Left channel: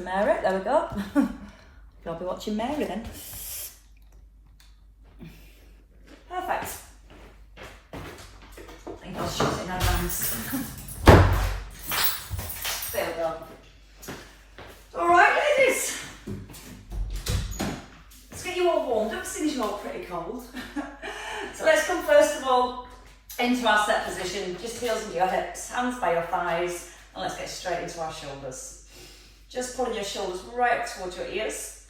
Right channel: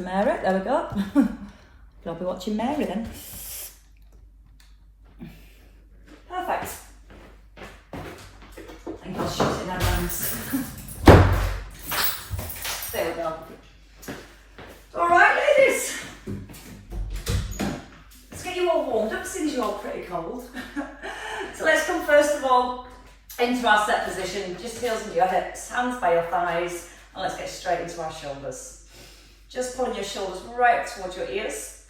Mary, there we go. I'll be watching Mary then. Perfect. I think I'll shoot it in advance. There we go. Alright ladies, let's get you all warmed up since you're all pretty cold. So let's come first of all into our set position, just heels into your hips, hands by your thighs, and let's get straight into our shoulders. Just pulling your shoulders right up towards your ears,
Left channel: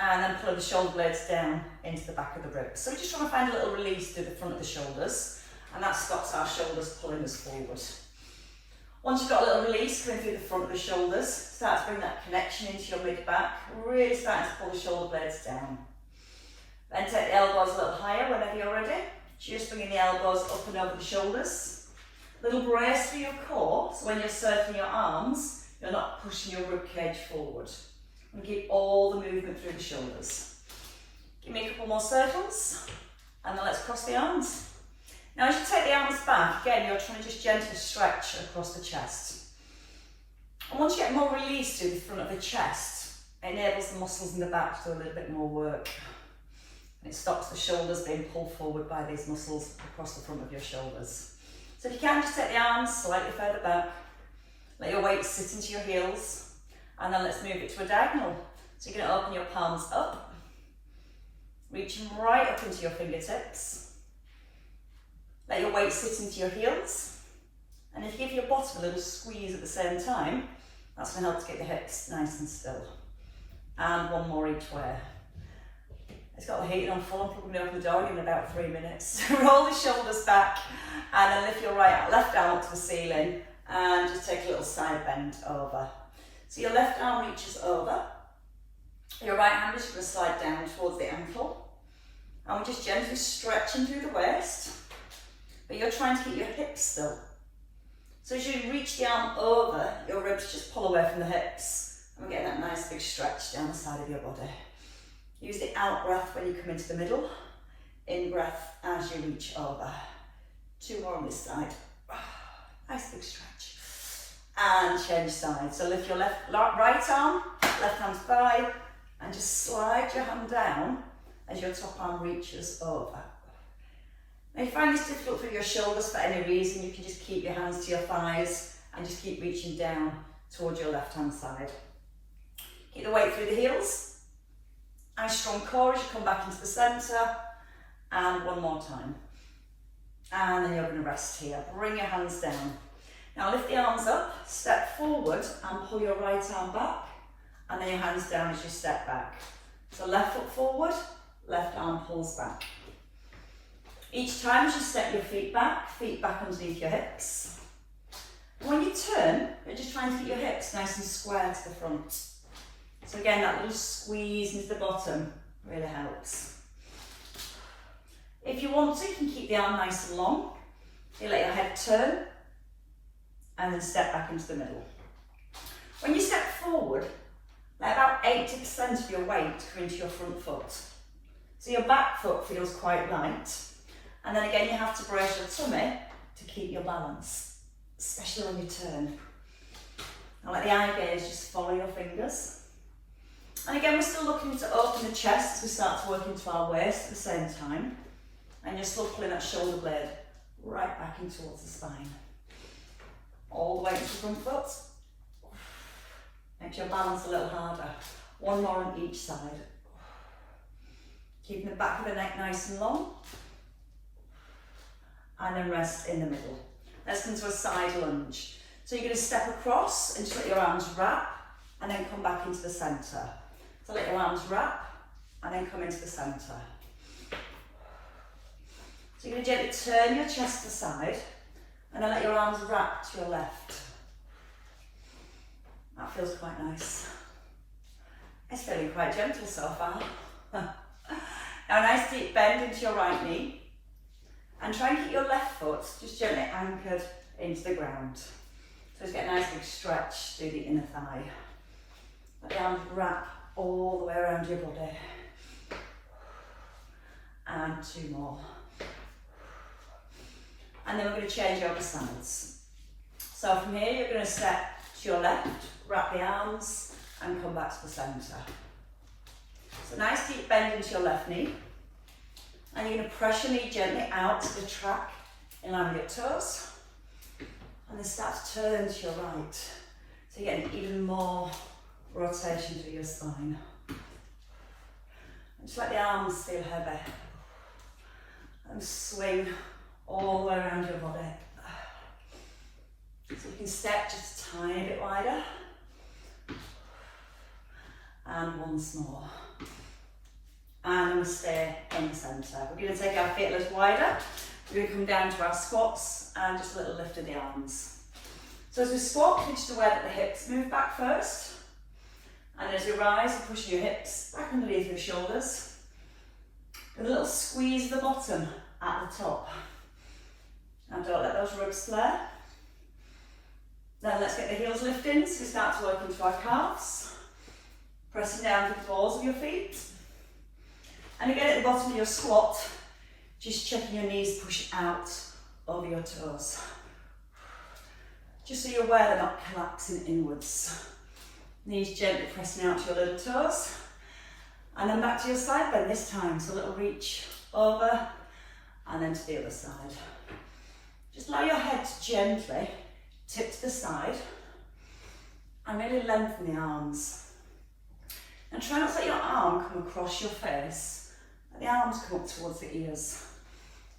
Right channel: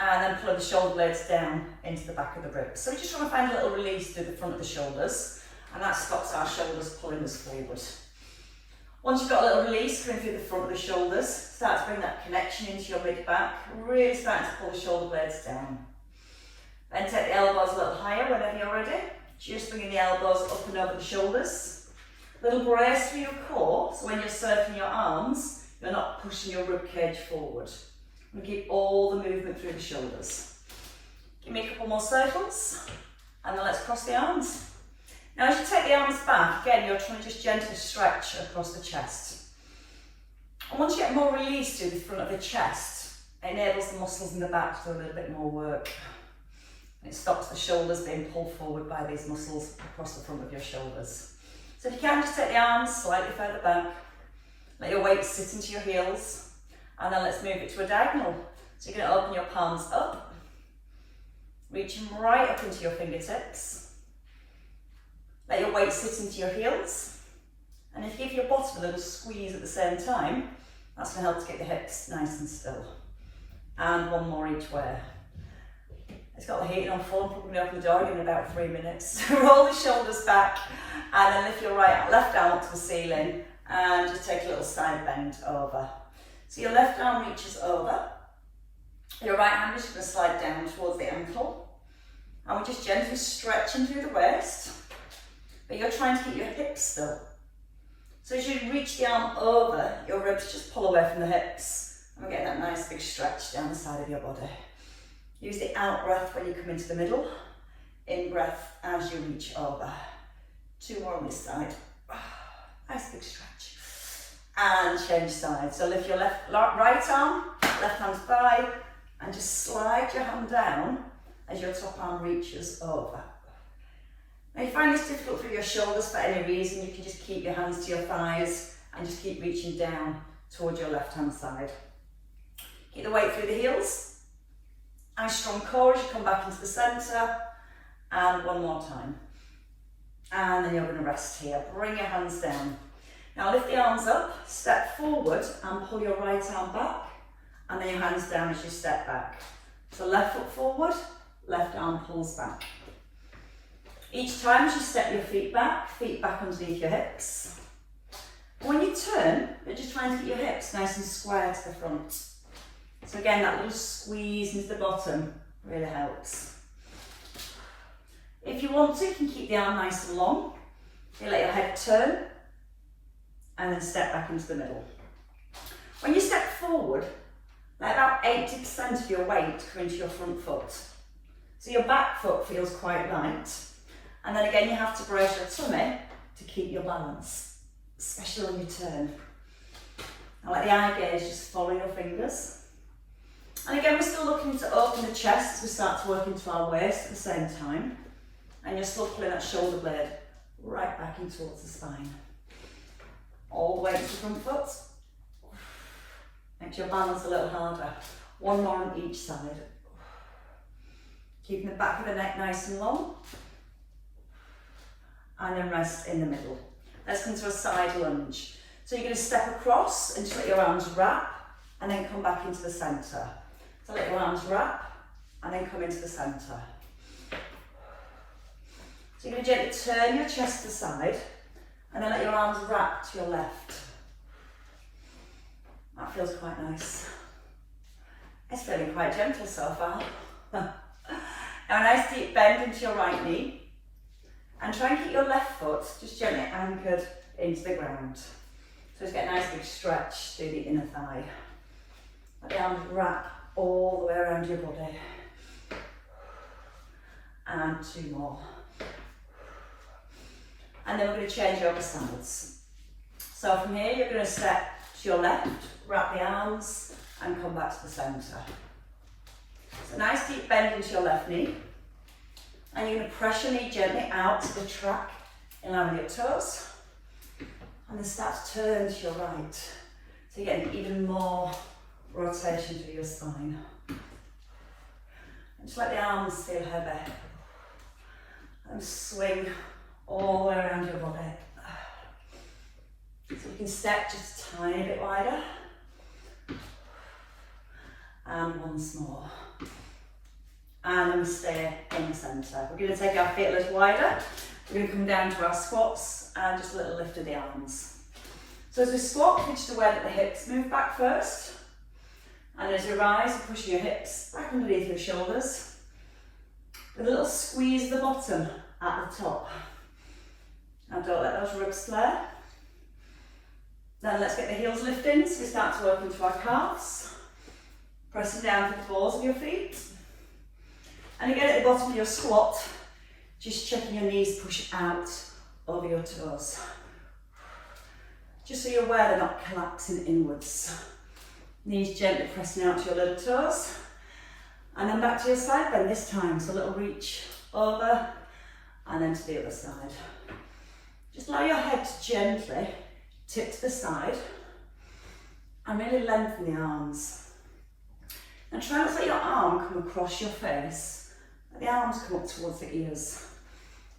and then pulling the shoulder blades down into the back of the ribs. So we're just trying to find a little release through the front of the shoulders, and that stops our shoulders pulling us forward. Once you've got a little release coming through the front of the shoulders, start to bring that connection into your mid-back, really starting to pull the shoulder blades down. Then take the elbows a little higher whenever you're ready. Just bringing the elbows up and over the shoulders. Little brace through your core, so when you're circling your arms, you're not pushing your rib cage forward. And keep all the movement through the shoulders. Give me a couple more circles, and then let's cross the arms. Now as you take the arms back, again, you're trying to just gently stretch across the chest. And once you get more release through the front of the chest, it enables the muscles in the back to do a little bit more work. And it stops the shoulders being pulled forward by these muscles across the front of your shoulders. So if you can, just take the arms slightly further back. Let your weight sit into your heels, and then let's move it to a diagonal. So you're going to open your palms up, reaching right up into your fingertips. Let your weight sit into your heels, and if you give your bottom a little squeeze at the same time, that's going to help to get the hips nice and still. And one more each way. It's got the heating on full, I'm probably going to open the door in about 3 minutes. Roll the shoulders back, and then lift your left arm up to the ceiling, and just take a little side bend over. So your left arm reaches over, your right hand is going to slide down towards the ankle, and we're just gently stretching through the waist, but you're trying to keep your hips still. So as you reach the arm over, your ribs just pull away from the hips, and we're getting that nice big stretch down the side of your body. Use the out breath when you come into the middle, in breath as you reach over. 2 more on this side. Nice big stretch. And change sides. So lift your right arm, left hand's by, and just slide your hand down as your top arm reaches over. Now if you find this difficult through your shoulders for any reason, you can just keep your hands to your thighs and just keep reaching down towards your left hand side. Keep the weight through the heels. Nice strong core as you come back into the centre. And one more time. And then you're going to rest here. Bring your hands down. Now lift the arms up, step forward and pull your right arm back, and then your hands down as you step back. So left foot forward, left arm pulls back. Each time as you step your feet back underneath your hips. When you turn, you're just trying to keep your hips nice and square to the front. So again, that little squeeze into the bottom really helps. If you want to, you can keep the arm nice and long. You let your head turn, and then step back into the middle. When you step forward, let about 80% of your weight come into your front foot. So your back foot feels quite light. And then again, you have to brace your tummy to keep your balance, especially when you turn. Now let the eye gaze just follow your fingers. And again, we're still looking to open the chest as we start to work into our waist at the same time. And you're still pulling that shoulder blade right back in towards the spine. All the way to the front foot. Make your balance a little harder. One more on each side. Keeping the back of the neck nice and long. And then rest in the middle. Let's come to a side lunge. So you're going to step across and just let your arms wrap, and then come back into the centre. So let your arms wrap, and then come into the centre. So you're going to gently turn your chest to the side, and then let your arms wrap to your left. That feels quite nice. It's feeling quite gentle so far. Now a nice deep bend into your right knee, and try and keep your left foot just gently anchored into the ground. So just get a nice big stretch through the inner thigh. Let the arms wrap all the way around your body. And 2 more. And then we're going to change over sides. So from here, you're going to step to your left, wrap the arms, and come back to the centre. So nice deep bend into your left knee. And you're going to press your knee gently out to the track in line with your toes. And then start to turn to your right. So you're getting even more rotation through your spine. And just let the arms feel heavy. And swing all the way around your body. So you can step just a tiny bit wider. And once more. And then we stay in the centre. We're going to take our feet a little wider. We're going to come down to our squats and just a little lift of the arms. So as we squat, you're just aware that the hips move back first. And as you rise, you're pushing your hips back underneath your shoulders. With a little squeeze of the bottom at the top. Now don't let those ribs flare. Then let's get the heels lifting. So we start to work into our calves. Pressing down to the balls of your feet. And again at the bottom of your squat, just checking your knees push out over your toes. Just so you're aware they're not collapsing inwards. Knees gently pressing out to your little toes. And then back to your side bend this time. So a little reach over and then to the other side. Just allow your head to gently tip to the side and really lengthen the arms. And try not to let your arm come across your face. Let the arms come up towards the ears.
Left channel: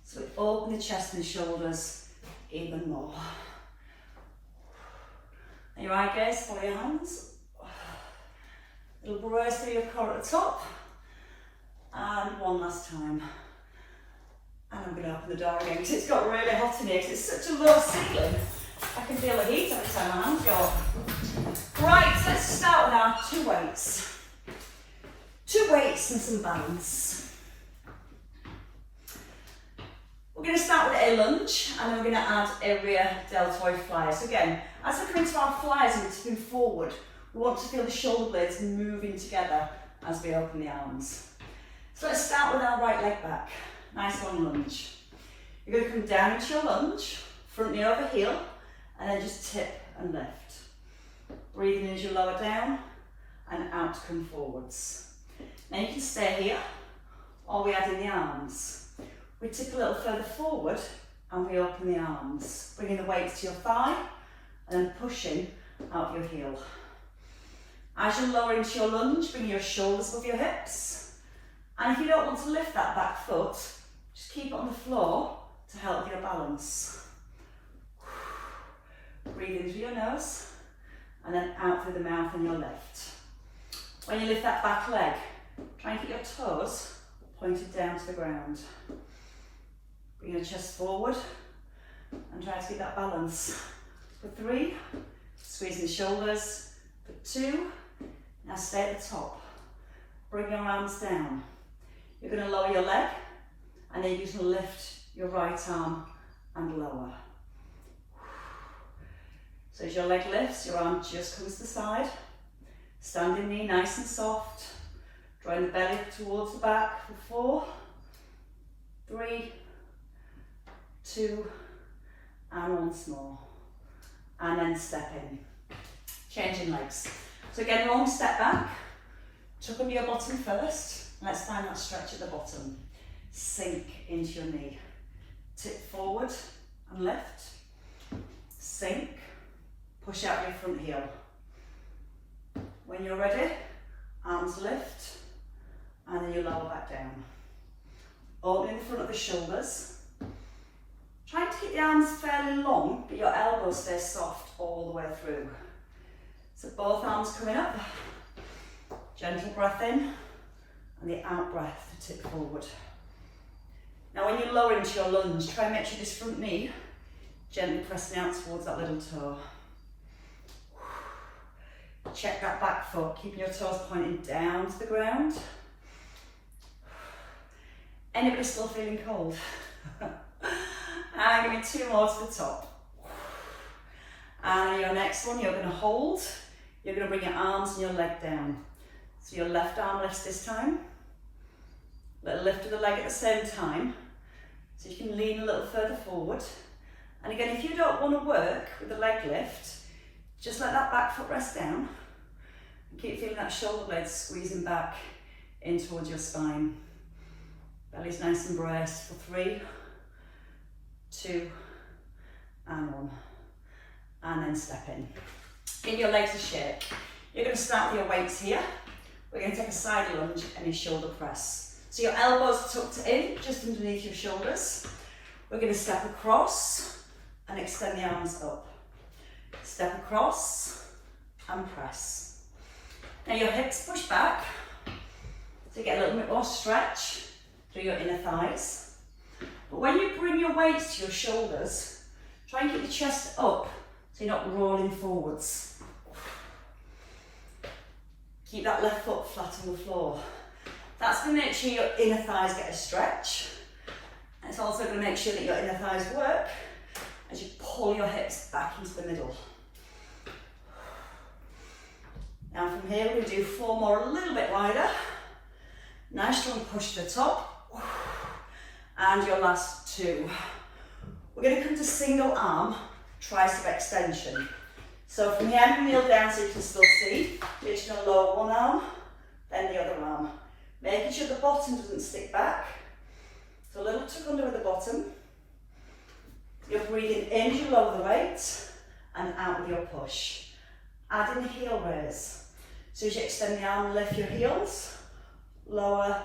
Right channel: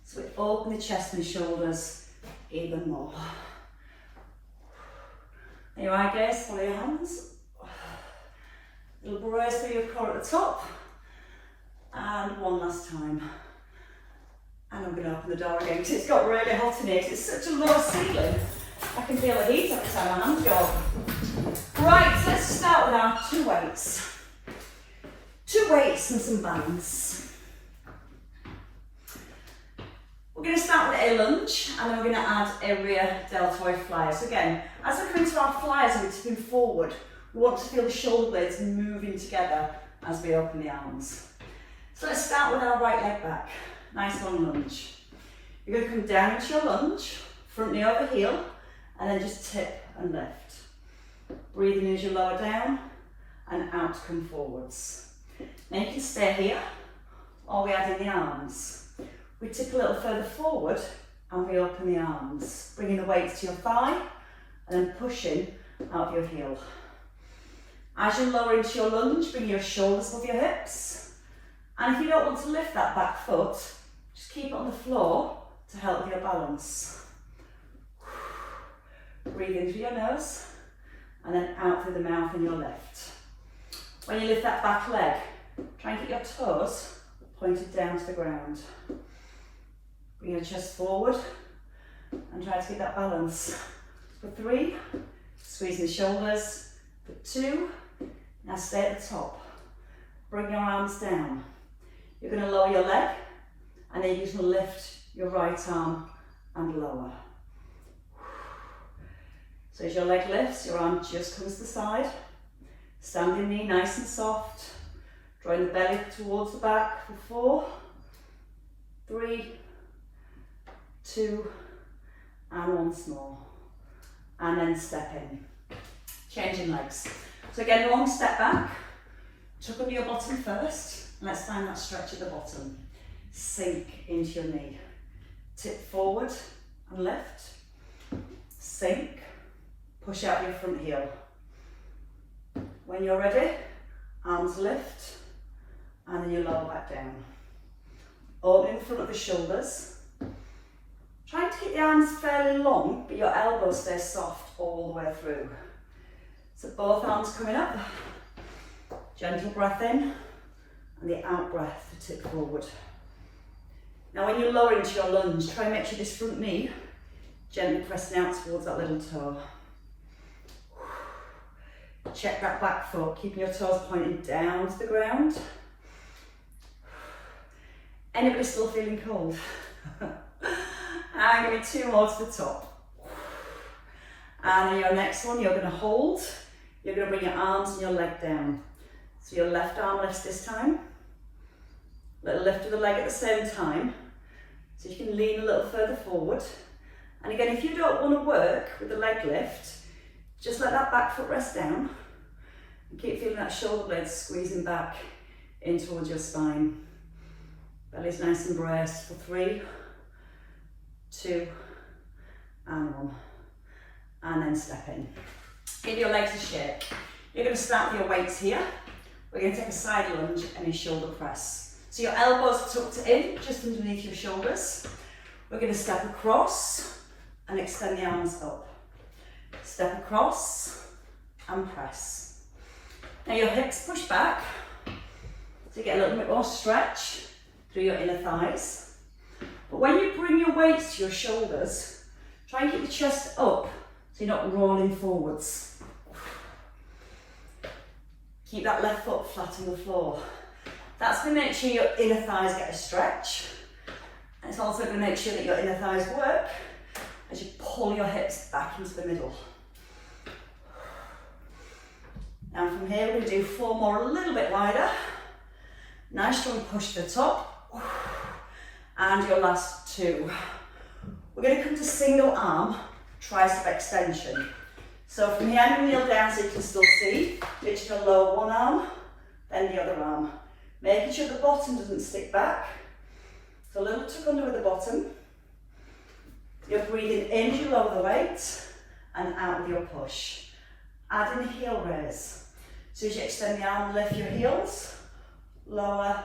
So we open the chest and the shoulders even more. And your eye gaze, follow your hands. Little brace through your core at the top. And one last time. And I'm going to open the door again because it's got really hot in here because it's such a low ceiling. I can feel the heat every time my hands go up. Right, so let's start with our 2 weights. 2 weights and some bands. We're going to start with a lunge and then we're going to add a rear deltoid fly. So again, as we come into our flyers and we're tipping forward, we want to feel the shoulder blades moving together as we open the arms. So let's start with our right leg back. Nice long lunge. You're going to come down into your lunge, front knee over heel, and then just tip and lift. Breathing as you lower down and out to come forwards. Now you can stay here while we add in the arms. We tip a little further forward and we open the arms, bringing the weights to your thigh and then pushing out your heel. As you lower into your lunge, bring your shoulders above your hips. And if you don't want to lift that back foot, just keep it on the floor to help your balance. Breathe in through your nose and then out through the mouth on your left. When you lift that back leg, try and get your toes pointed down to the ground. Bring your chest forward and try to keep that balance. For 3, squeezing the shoulders. For 2, now stay at the top. Bring your arms down. You're going to lower your leg and then you're going to lift your right arm and lower. So as your leg lifts, your arm just comes to the side. Standing knee nice and soft. Drawing the belly towards the back for 4, 3, 2, and once more. And then step in. Changing legs. So again, long step back. Tuck under your bottom first. Let's find that stretch at the bottom. Sink into your knee. Tip forward and lift. Sink. Push out your front heel. When you're ready, arms lift. And then you lower back down. Opening the front of the shoulders. Trying to keep the arms fairly long, but your elbows stay soft all the way through. So both arms coming up. Gentle breath in, and the out breath to tip forward. Now when you lower into your lunge, try and make sure this front knee gently pressing out towards that little toe. Check that back foot, keeping your toes pointing down to the ground. Anybody still feeling cold? And give me 2 more to the top. And on your next one, you're going to hold. You're going to bring your arms and your leg down. So your left arm lifts this time. Little lift of the leg at the same time. So you can lean a little further forward. And again, if you don't want to work with the leg lift, just let that back foot rest down. And keep feeling that shoulder blades squeezing back in towards your spine. Belly's nice and braced for 3, 2, and 1. And then step in. Give your legs a shake. You're going to start with your weights here. We're going to take a side lunge and a shoulder press. So your elbows tucked in, just underneath your shoulders. We're going to step across and extend the arms up. Step across and press. Now your hips push back, so you get a little bit more stretch through your inner thighs. But when you bring your weights to your shoulders, try and keep the chest up so you're not rolling forwards. Keep that left foot flat on the floor. That's going to make sure your inner thighs get a stretch. And it's also going to make sure that your inner thighs work as you pull your hips back into the middle. Now from here, we're going to do 4 more, a little bit wider. Nice strong push to the top. And your last 2. We're going to come to single arm tricep extension. So from here, I'm going to kneel down so you can still see. You're just going to lower one arm, then the other arm. Making sure the bottom doesn't stick back. So a little tuck under with the bottom. You're breathing in as you lower the weight and out with your push. Add in heel raise. So as you extend the arm, lift your heels, lower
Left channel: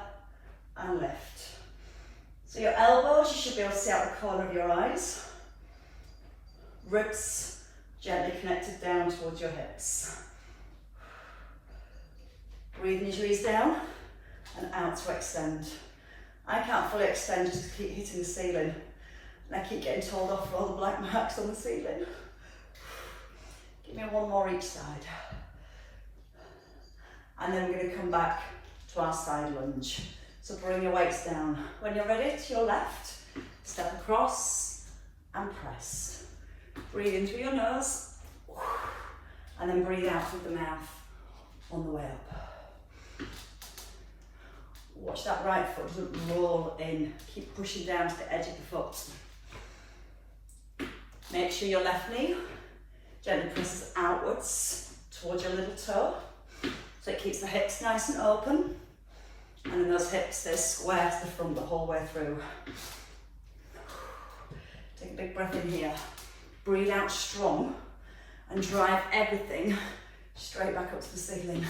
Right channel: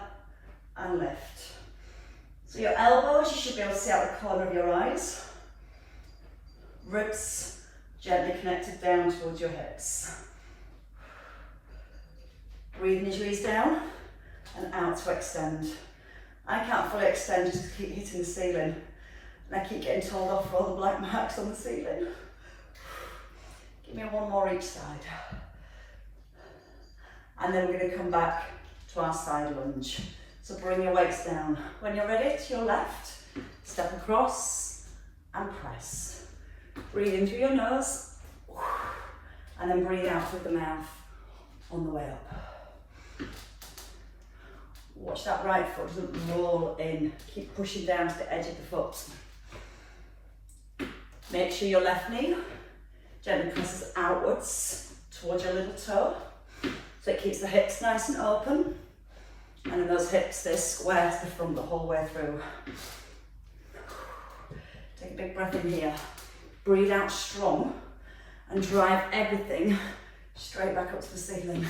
and lift. So your elbows, you should be able to see out the corner of your eyes. Ribs gently connected down towards your hips. Breathing as you ease down and out to extend. I can't fully extend just to keep hitting the ceiling. And I keep getting told off for all the black marks on the ceiling. Give me 1 more each side. And then we're going to come back to our side lunge. So bring your weights down. When you're ready, to your left, step across and press. Breathe in through your nose, and then breathe out through the mouth on the way up. Watch that right foot doesn't roll in. Keep pushing down to the edge of the foot. Make sure your left knee gently presses outwards towards your little toe, so it keeps the hips nice and open, and then those hips stay square to the front the whole way through. Take a big breath in here. Breathe out strong and drive everything straight back up to the ceiling.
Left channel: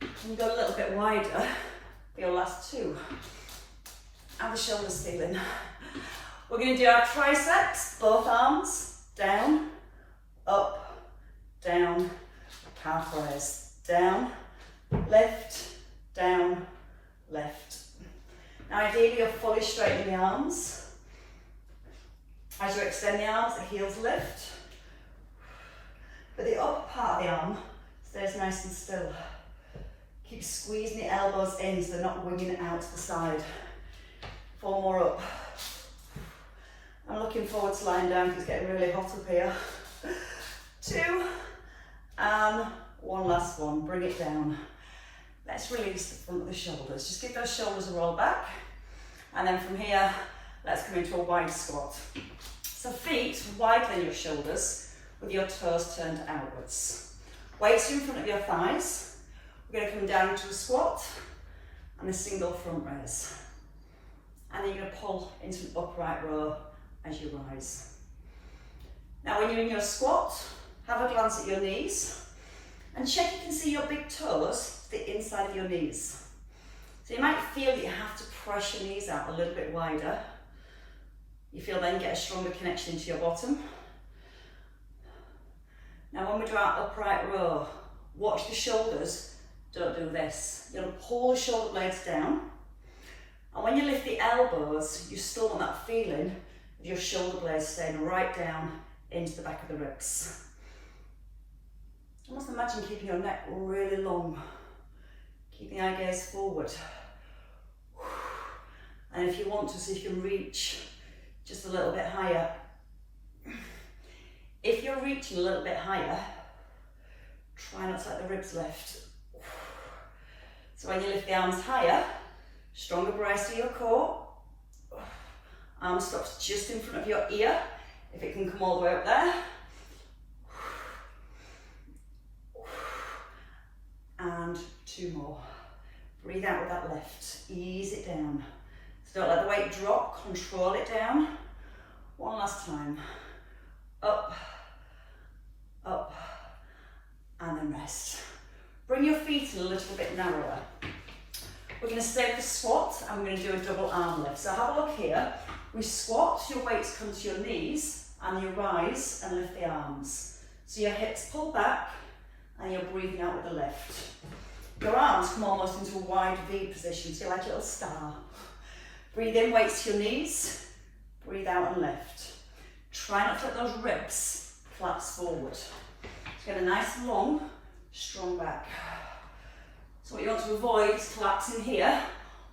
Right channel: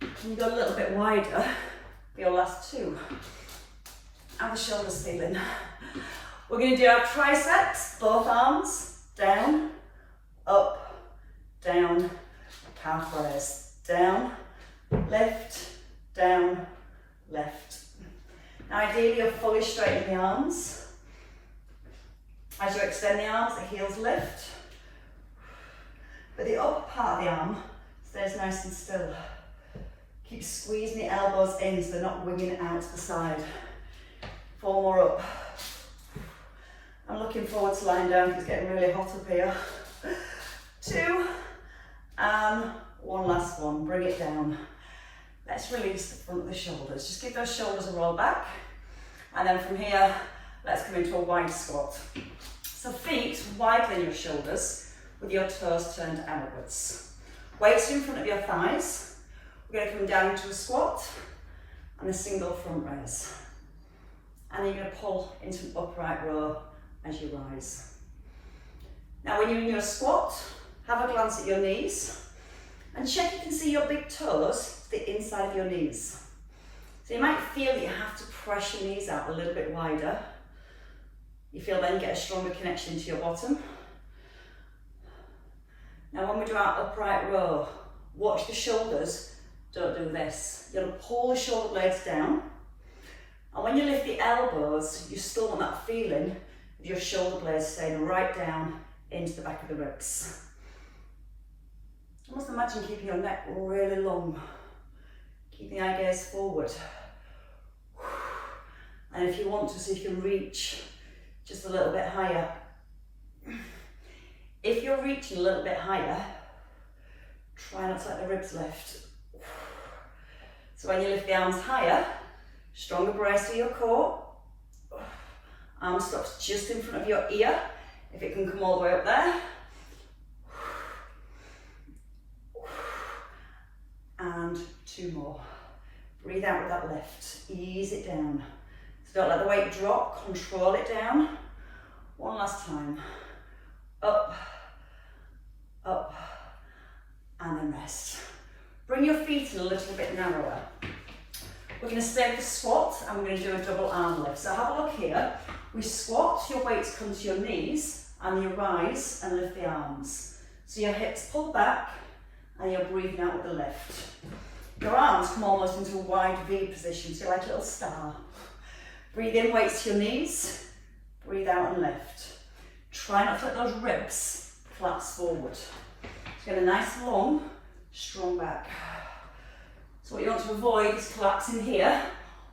And go a little bit wider for your last 2. And the shoulder ceiling. We're going to do our triceps, both arms, down, up, down, calf raise, down, lift, down, lift. Now ideally you're fully straightening the arms. As you extend the arms, the heels lift. But the upper part of the arm stays nice and still. Keep squeezing the elbows in so they're not winging out to the side. 4 more up. I'm looking forward to lying down because it's getting really hot up here. 2, and 1 last one. Bring it down. Let's release the front of the shoulders. Just give those shoulders a roll back. And then from here, let's come into a wide squat. So feet wider than your shoulders with your toes turned outwards. Weights in front of your thighs. We're going to come down into a squat and a single front raise. And then you're going to pull into an upright row as you rise. Now when you're in your squat, have a glance at your knees and check you can see your big toes to the inside of your knees. So you might feel that you have to press your knees out a little bit wider. You feel then get a stronger connection to your bottom. Now when we do our upright row, watch the shoulders, don't do this. You're going to pull the shoulder blades down. And when you lift the elbows, you still want that feeling of your shoulder blades staying right down into the back of the ribs. Almost imagine keeping your neck really long. Keep the eye gaze forward. And if you want to, see if you can reach just a little bit higher. If you're reaching a little bit higher, try not to let the ribs lift. So when you lift the arms higher, stronger brace to your core. Arm stops just in front of your ear, if it can come all the way up there. 2 more. Breathe out with that lift. Ease it down. So don't let the weight drop, control it down. 1 last time. Up, up, and then rest. Bring your feet a little bit narrower. We're going to stay with the squat and we're going to do a double arm lift. So have a look here. We squat, your weights come to your knees and you rise and lift the arms. So your hips pull back and you're breathing out with the lift. Your arms come almost into a wide V position, so you're like a little star. Breathe in, weights to your knees. Breathe out and lift. Try not to let those ribs collapse forward. So get a nice long, strong back. So what you want to avoid is collapsing here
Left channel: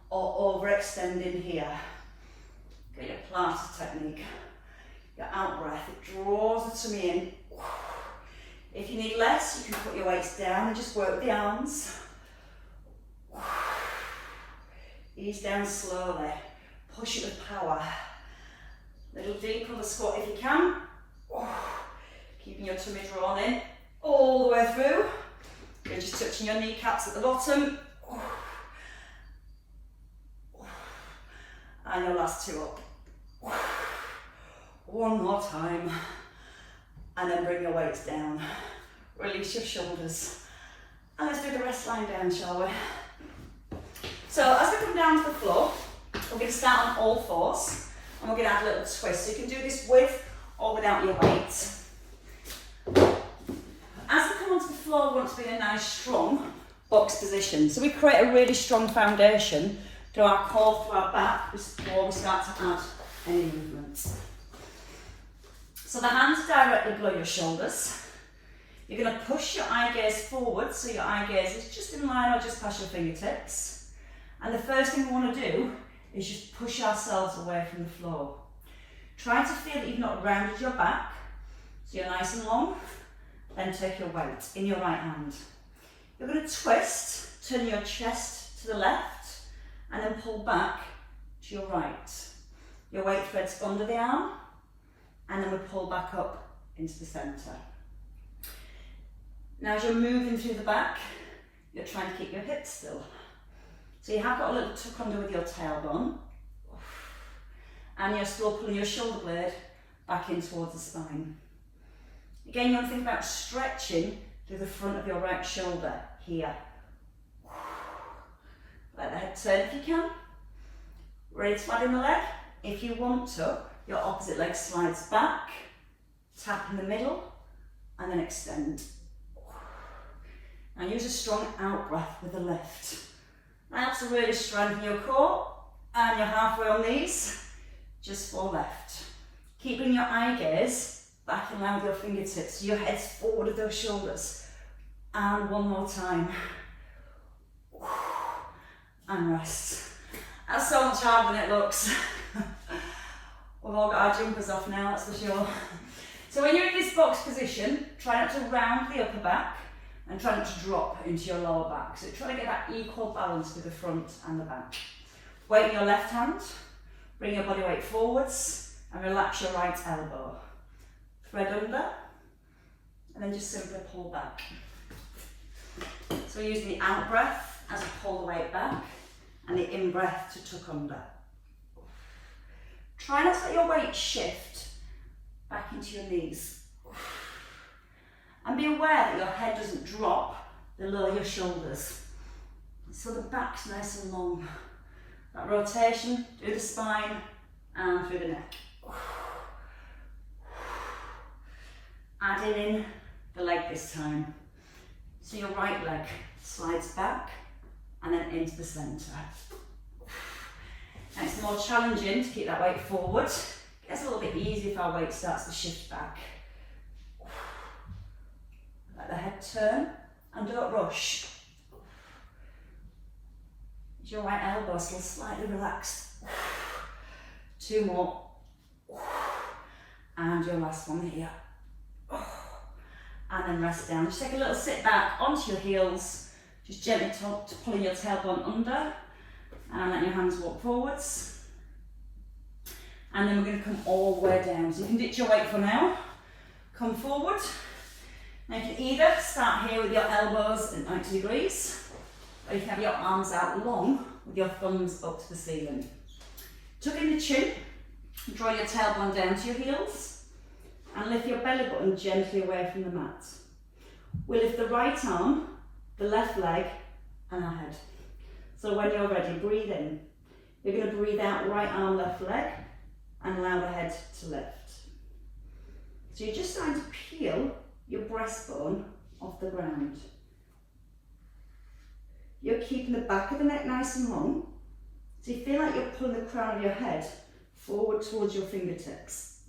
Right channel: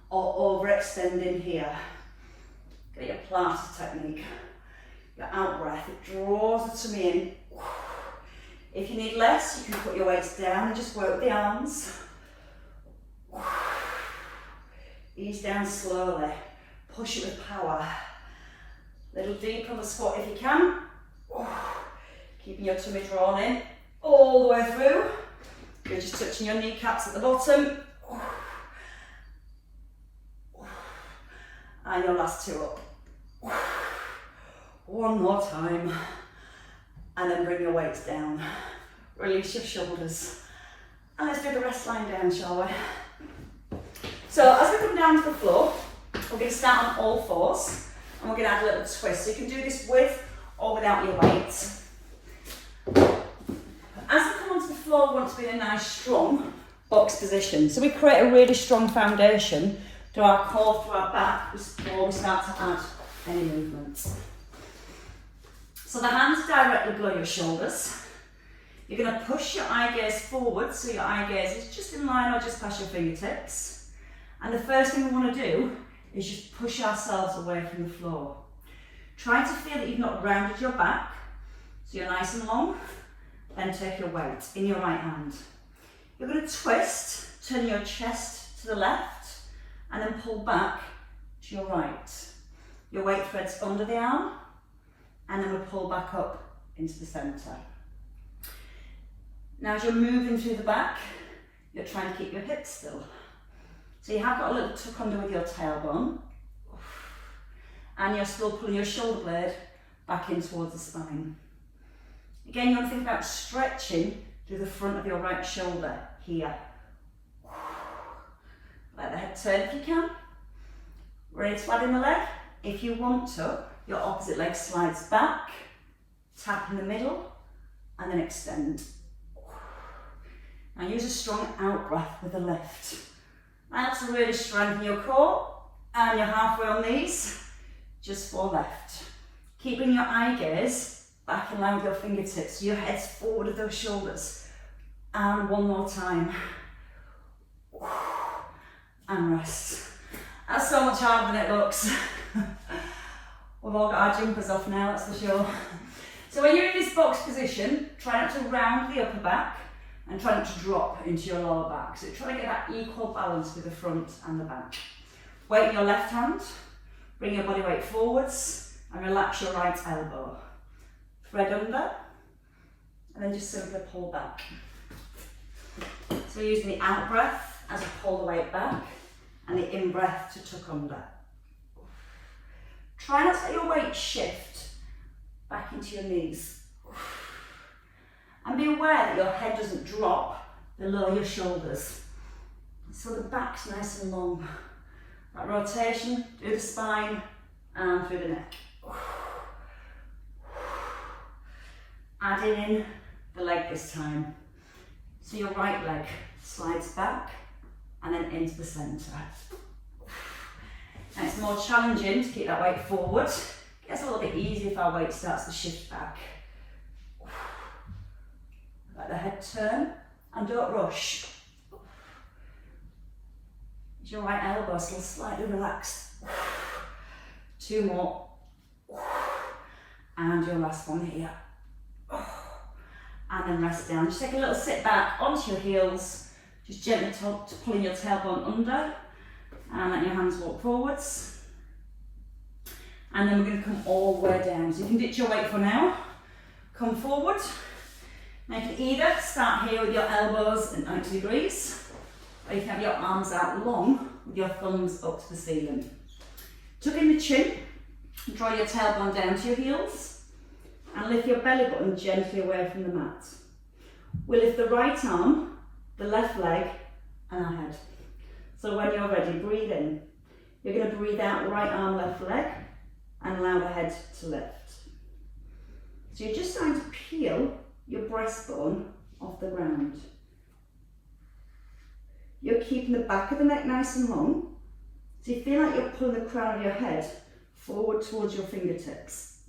or overextending here. Get your Pilates technique. Your out breath, it draws the tummy in. If you need less, you can put your weights down and just work with the arms. Ease down slowly. Push it with power. A little deeper on the squat if you can. Keeping your tummy drawn in all the way through. You're just touching your kneecaps at the bottom. And your last 2 up. 1 more time. And then bring your weights down. Release your shoulders. And let's do the rest lying down, shall we? So as we come down to the floor, we're going to start on all 4s. And we're going to add a little twist. So you can do this with or without your weight. As we come onto the floor, we want to be in a nice, strong box position. So we create a really strong foundation through our core, through our back, before we start to add any movements. So the hands directly below your shoulders. You're going to push your eye gaze forward, so your eye gaze is just in line or just past your fingertips. And the first thing we want to do is just push ourselves away from the floor. Try to feel that you've not rounded your back, so you're nice and long. Then take your weight in your right hand. You're going to twist, turn your chest to the left, and then pull back to your right. Your weight threads under the arm, and then we pull back up into the centre. Now as you're moving through the back, you're trying to keep your hips still. So you have got a little tuck under with your tailbone, and you're still pulling your shoulder blade back in towards the spine. Again, you want to think about stretching through the front of your right shoulder here. Let the head turn if you can. Ready to add in the leg? If you want to, your opposite leg slides back, tap in the middle, and then extend. Now use a strong out breath with a lift. That's to really strengthen your core, and you're halfway on these, just 4 left. Keeping your eye gaze back in line with your fingertips, so your head's forward of those shoulders. And 1 more time. And rest. That's so much harder than it looks. We've all got our jumpers off now, that's for sure. So when you're in this box position, try not to round the upper back and try not to drop into your lower back. So try to get that equal balance with the front and the back. Weight in your left hand, bring your body weight forwards and relax your right elbow. Thread under, and then just simply pull back. So we're using the out breath as we pull the weight back, and the in breath to tuck under. Try not to let your weight shift back into your knees. And be aware that your head doesn't drop below your shoulders. So the back's nice and long. That rotation through the spine and through the neck. Adding in the leg this time. So your right leg slides back and then into the centre. And it's more challenging to keep that weight forward. It gets a little bit easier if our weight starts to shift back. Let the head turn and don't rush. Is your right elbow still slightly relaxed? 2 more. And your last one here. And then rest down. Just take a little sit back onto your heels. Just gently pulling your tailbone under. And let your hands walk forwards. And then we're going to come all the way down. So you can ditch your weight for now. Come forward. Now you can either start here with your elbows at 90 degrees, or you can have your arms out long with your thumbs up to the ceiling. Tuck in the chin, draw your tailbone down to your heels, and lift your belly button gently away from the mat. We'll lift the right arm, the left leg, and our head. So when you're ready, breathe in. You're going to breathe out, right arm, left leg, and allow the head to lift. So you're just starting to peel your breastbone off the ground. You're keeping the back of the neck nice and long, so you feel like you're pulling the crown of your head forward towards your fingertips.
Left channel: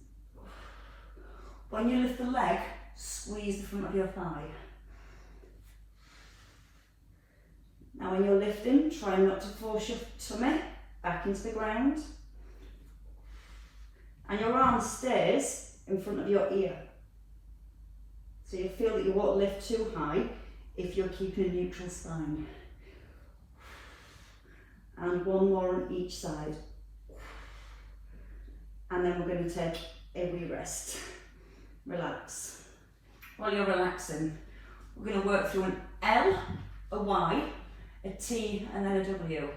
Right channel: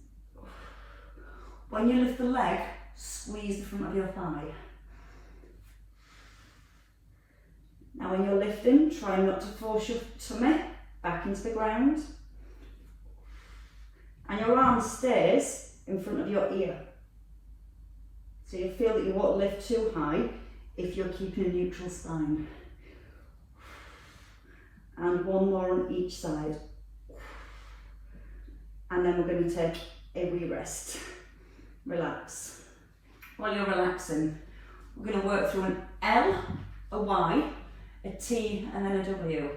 When you lift the leg, squeeze the front of your thigh. Now when you're lifting, try not to force your tummy back into the ground. And your arm stays in front of your ear. So you'll feel that you won't lift too high if you're keeping a neutral spine. And one more on each side. And then we're going to take a wee rest. Relax. While you're relaxing, we're going to work through an L, a Y, a T, and then a W.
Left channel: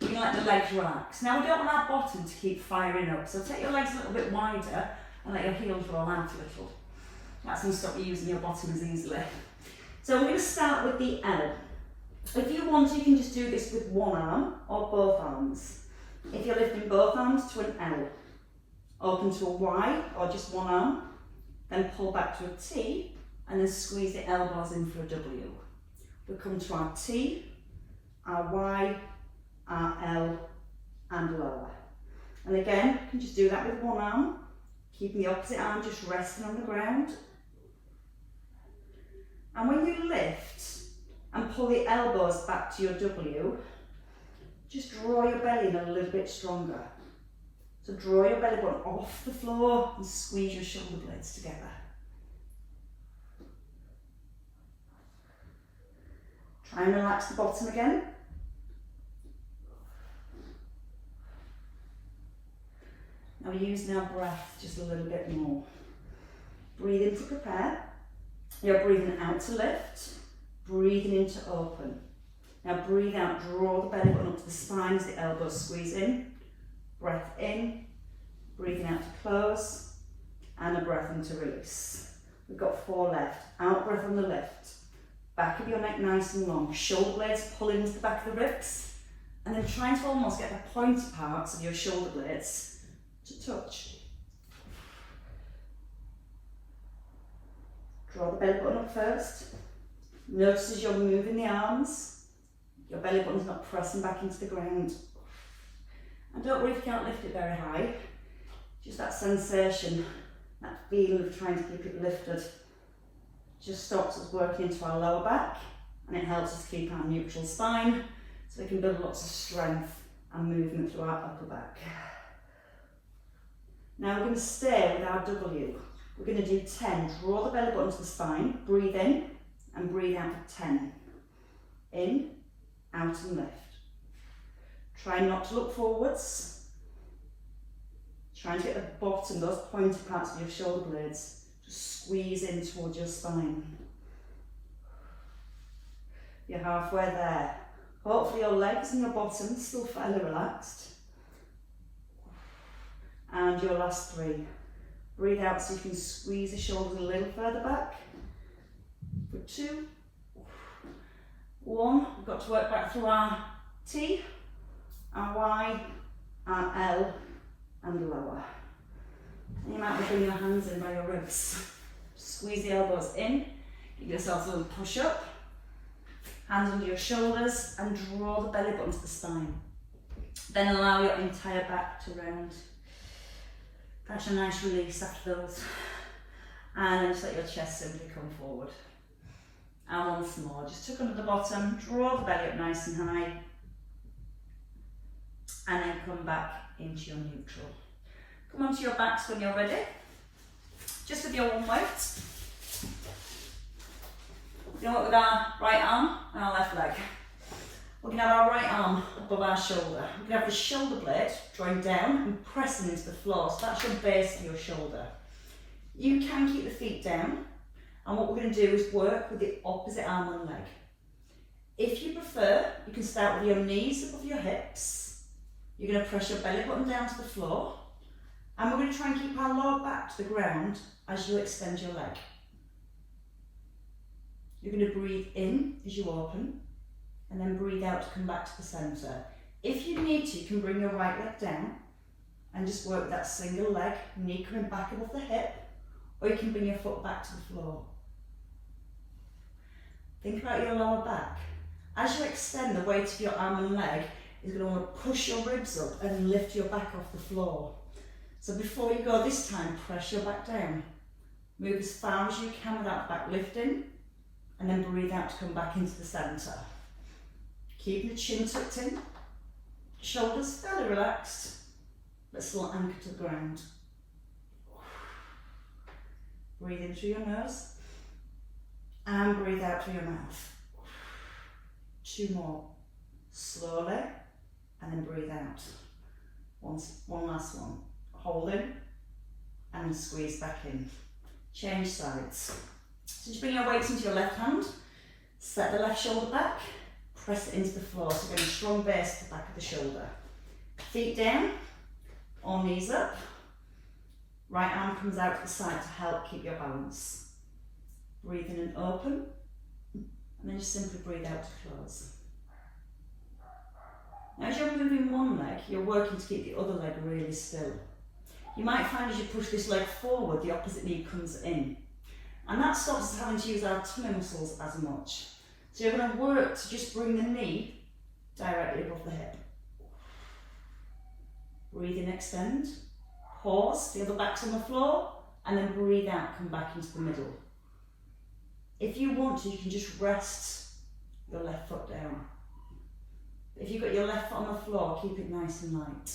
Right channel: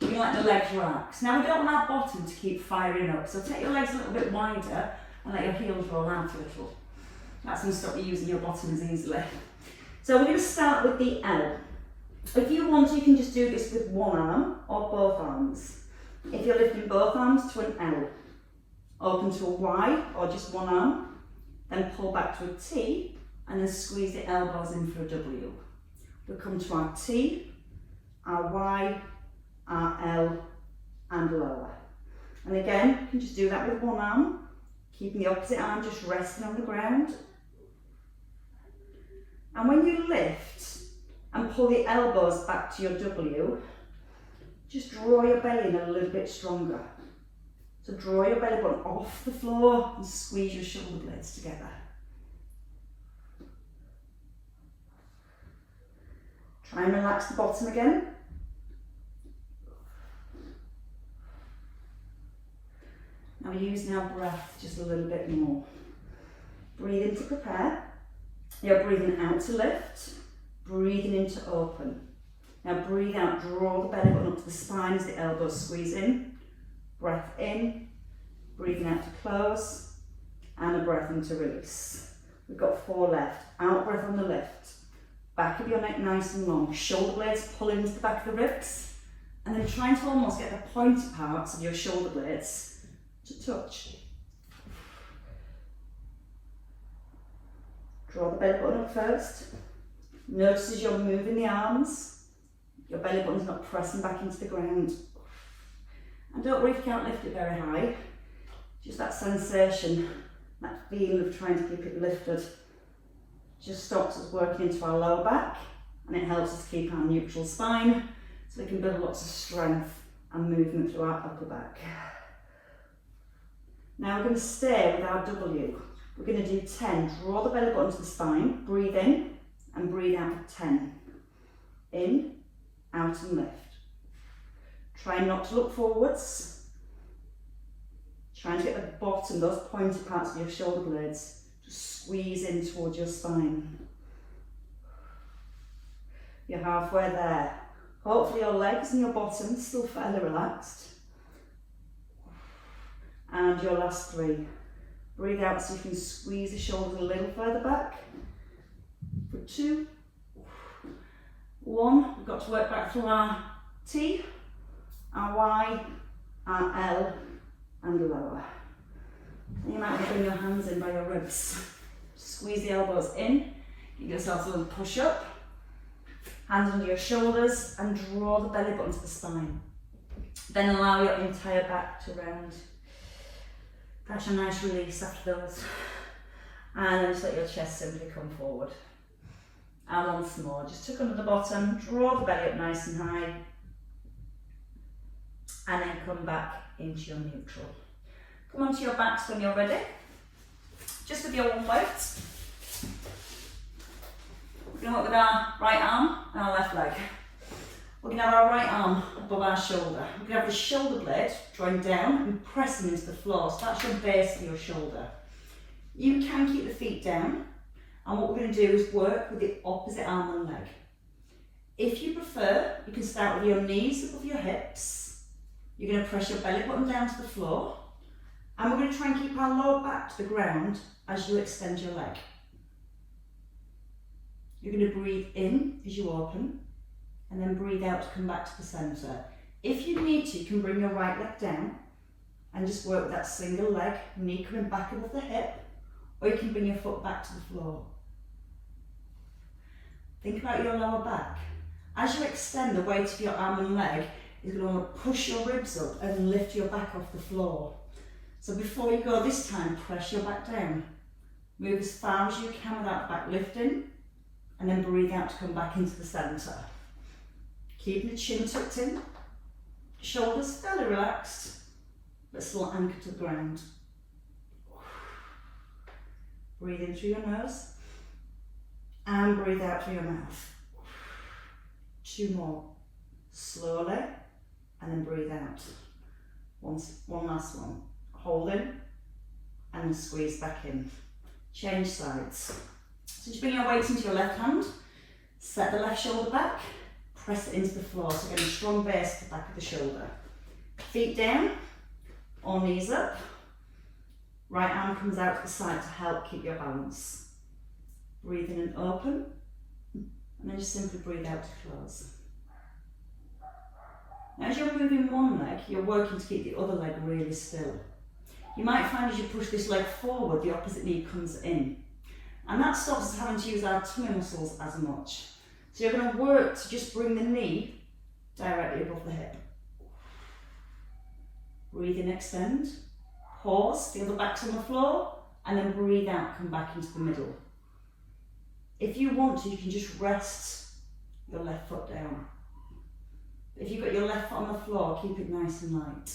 We're going to let the legs relax. Now we don't want our bottom to keep firing up, so take your legs a little bit wider and let your heels roll out a little. That's going to stop you using your bottoms easily. So we're going to start with the L. If you want, you can just do this with one arm or both arms. If you're lifting both arms to an L, open to a Y or just one arm, then pull back to a T and then squeeze the elbows in for a W. We'll come to our T, our Y, our L and lower. And again, you can just do that with one arm, keeping the opposite arm just resting on the ground. And when you lift and pull the elbows back to your W, just draw your belly in a little bit stronger. So draw your belly button off the floor and squeeze your shoulder blades together. Try and relax the bottom again. Now we're using our breath just a little bit more. Breathe in to prepare. You're breathing out to lift. Breathing in to open. Now breathe out, draw the belly button up to the spine as the elbows squeeze in. Breath in, breathing out to close, and a breath in to release. We've got 4 left. Out breath on the lift. Back of your neck nice and long. Shoulder blades pull into the back of the ribs, and then trying to almost get the pointed parts of your shoulder blades to touch. Draw the belly button up first. Notice as you're moving the arms, your belly button's not pressing back into the ground. And don't worry if you can't lift it very high. Just that sensation, that feeling of trying to keep it lifted, just stops us working into our lower back, and it helps us keep our neutral spine so we can build lots of strength and movement through our upper back. Now we're going to stay with our W. We're going to do 10. Draw the belly button to the spine, breathe in and breathe out for 10. In, out and lift. Try not to look forwards. Try and get the bottom, those pointed parts of your shoulder blades, just squeeze in towards your spine. You're halfway there. Hopefully your legs and your bottom still fairly relaxed. And your last 3. Breathe out so you can squeeze the shoulders a little further back. For 2, 1, we've got to work back through our T, our Y, our L, and the lower. And you might bring your hands in by your ribs. Squeeze the elbows in, give yourself a little push up, hands under your shoulders, and draw the belly button to the spine. Then allow your entire back to round. Catch a nice release after those. And then just let your chest simply come forward. And once more, just tuck under the bottom, draw the belly up nice and high, and then come back into your neutral. Come onto your backs when you're ready. Just with your one weight. We're going to work with our right arm and our left leg. We're going to have our right arm above our shoulder. We're going to have the shoulder blade drawing down and pressing into the floor. So that's your base of your shoulder. You can keep the feet down. And what we're going to do is work with the opposite arm and leg. If you prefer, you can start with your knees above your hips. You're going to press your belly button down to the floor. And we're going to try and keep our lower back to the ground as you extend your leg. You're going to breathe in as you open, and then breathe out to come back to the centre. If you need to, you can bring your right leg down and just work with that single leg, knee coming back above the hip, or you can bring your foot back to the floor. Think about your lower back. As you extend, the weight of your arm and leg is going to want to push your ribs up and lift your back off the floor. So before you go this time, press your back down. Move as far as you can without back lifting, and then breathe out to come back into the centre. Keep the chin tucked in, shoulders fairly relaxed, but still anchored to the ground. Breathe in through your nose, and breathe out through your mouth. 2 more. Slowly, and then breathe out. One last one. Hold in, and squeeze back in. Change sides. So just bring your weight into your left hand, set the left shoulder back, press it into the floor, so getting a strong base at the back of the shoulder. Feet down, or knees up. Right arm comes out to the side to help keep your balance. Breathe in and open, and then just simply breathe out to close. Now, as you're moving one leg, you're working to keep the other leg really still. You might find as you push this leg forward, the opposite knee comes in. And that stops us having to use our tummy muscles as much. So you're going to work to just bring the knee directly above the hip. Breathe in, extend. Pause, feel the back's on the floor, and then breathe out, come back into the middle. If you want to, you can just rest your left foot down. If you've got your left foot on the floor, keep it nice and light.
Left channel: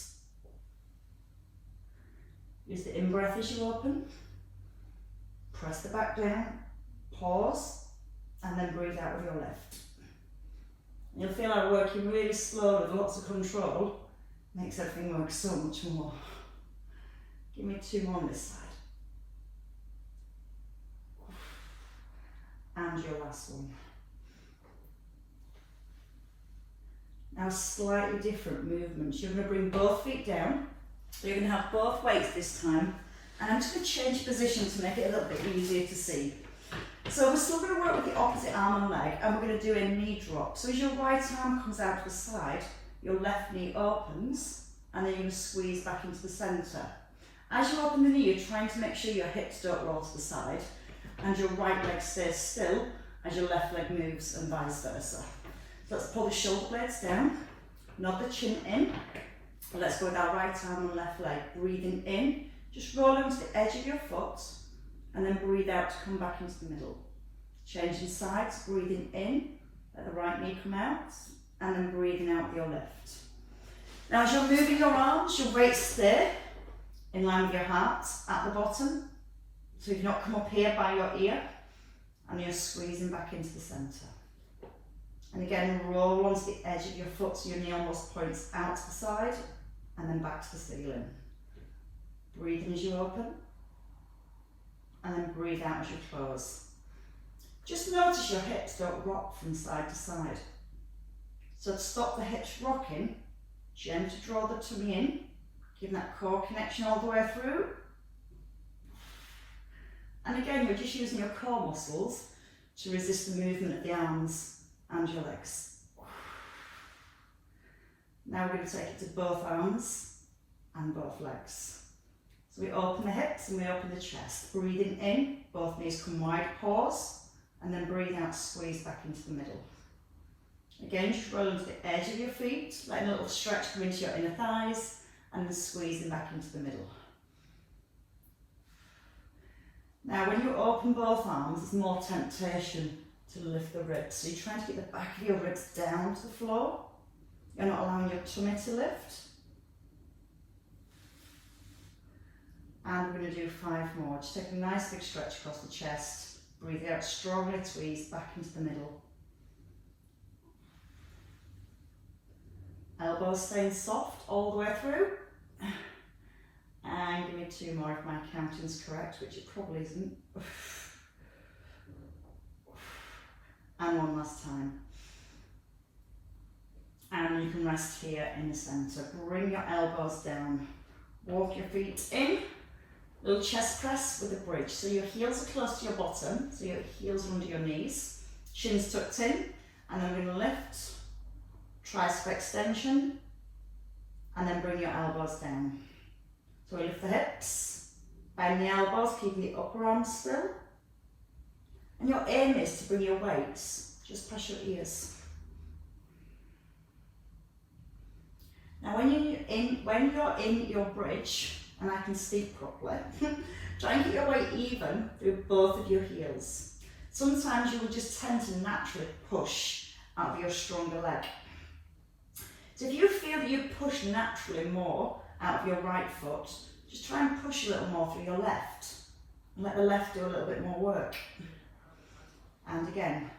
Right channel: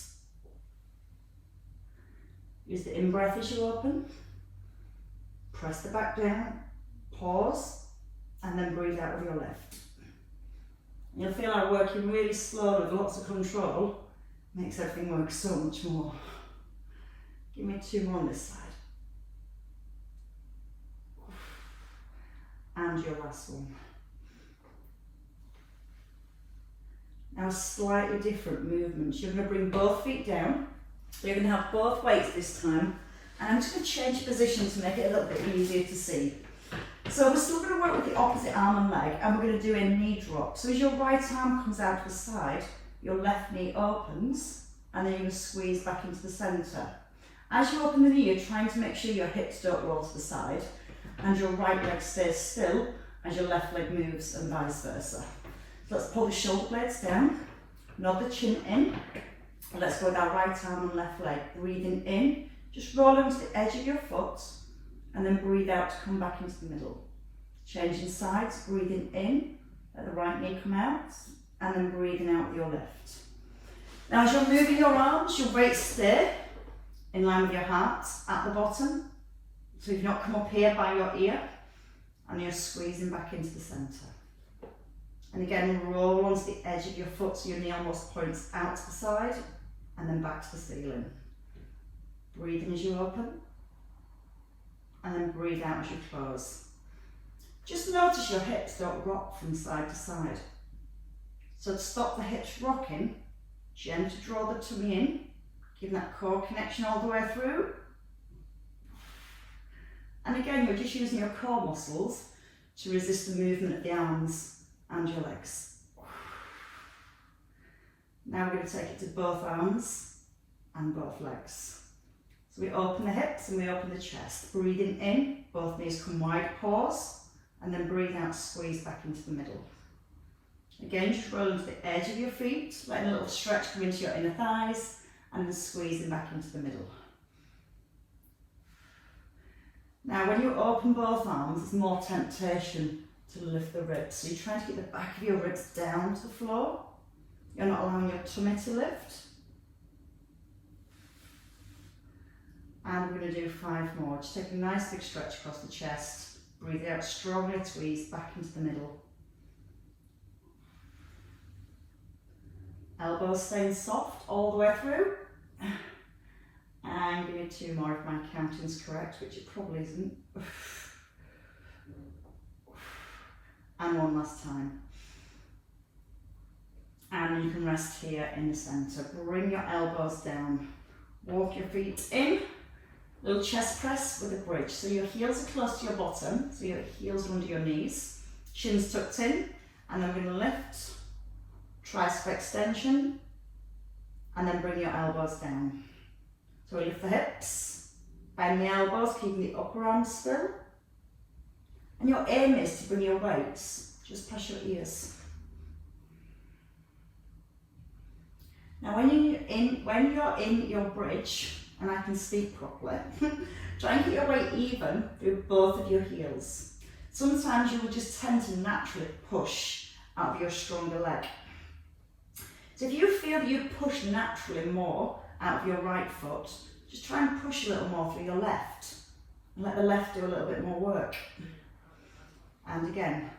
Use the in-breath as you open. Press the back down, pause, and then breathe out with your left. You'll feel like working really slow with lots of control makes everything work so much more. Give me 2 more on this side. And your last one. Now slightly different movements. You're going to bring both feet down. You're going to have both weights this time. And I'm just going to change position to make it a little bit easier to see. So we're still going to work with the opposite arm and leg, and we're going to do a knee drop. So as your right arm comes out to the side, your left knee opens, and then you're going to squeeze back into the centre. As you open the knee, you're trying to make sure your hips don't roll to the side, and your right leg stays still as your left leg moves, and vice versa. So let's pull the shoulder blades down, nod the chin in. Let's go with our right arm and left leg. Breathing in, just roll onto the edge of your foot, and then breathe out to come back into the middle. Changing sides, breathing in, let the right knee come out, and then breathing out with your left. Now as you're moving your arms, your weight stay in line with your heart at the bottom. So you've not come up here by your ear, and you're squeezing back into the centre. And again, roll onto the edge of your foot so your knee almost points out to the side, and then back to the ceiling. Breathe in as you open, and then breathe out as you close. Just notice your hips don't rock from side to side. So to stop the hips rocking, gently draw the tummy in, giving that core connection all the way through. And again, you're just using your core muscles to resist the movement of the arms and your legs. Now we're going to take it to both arms and both legs. So we open the hips and we open the chest. Breathing in, both knees come wide, pause, and then breathe out, squeeze back into the middle. Again, just roll into the edge of your feet, letting a little stretch come into your inner thighs, and then squeezing back into the middle. Now when you open both arms, there's more temptation to lift the ribs. So you're trying to get the back of your ribs down to the floor. You're not allowing your tummy to lift. And we're going to do 5 more. Just take a nice big stretch across the chest. Breathe out strongly, squeeze back into the middle. Elbows staying soft all the way through. And give me 2 more if my counting's correct, which it probably isn't. And one last time. And you can rest here in the centre. Bring your elbows down. Walk your feet in. Little chest press with a bridge. So your heels are close to your bottom. So your heels are under your knees. Chin's tucked in. And I'm going to lift. Tricep extension. And then bring your elbows down. So we lift the hips. Bend the elbows, keep the upper arms still. And your aim is to bring your weights just past your ears. Now when you're in your bridge, and I can speak properly, try and keep your weight even through both of your heels. Sometimes you will just tend to naturally push out of your stronger leg. So if you feel that you push naturally more out of your right foot, just try and push a little more through your left. And let the left do a little bit more work. And again,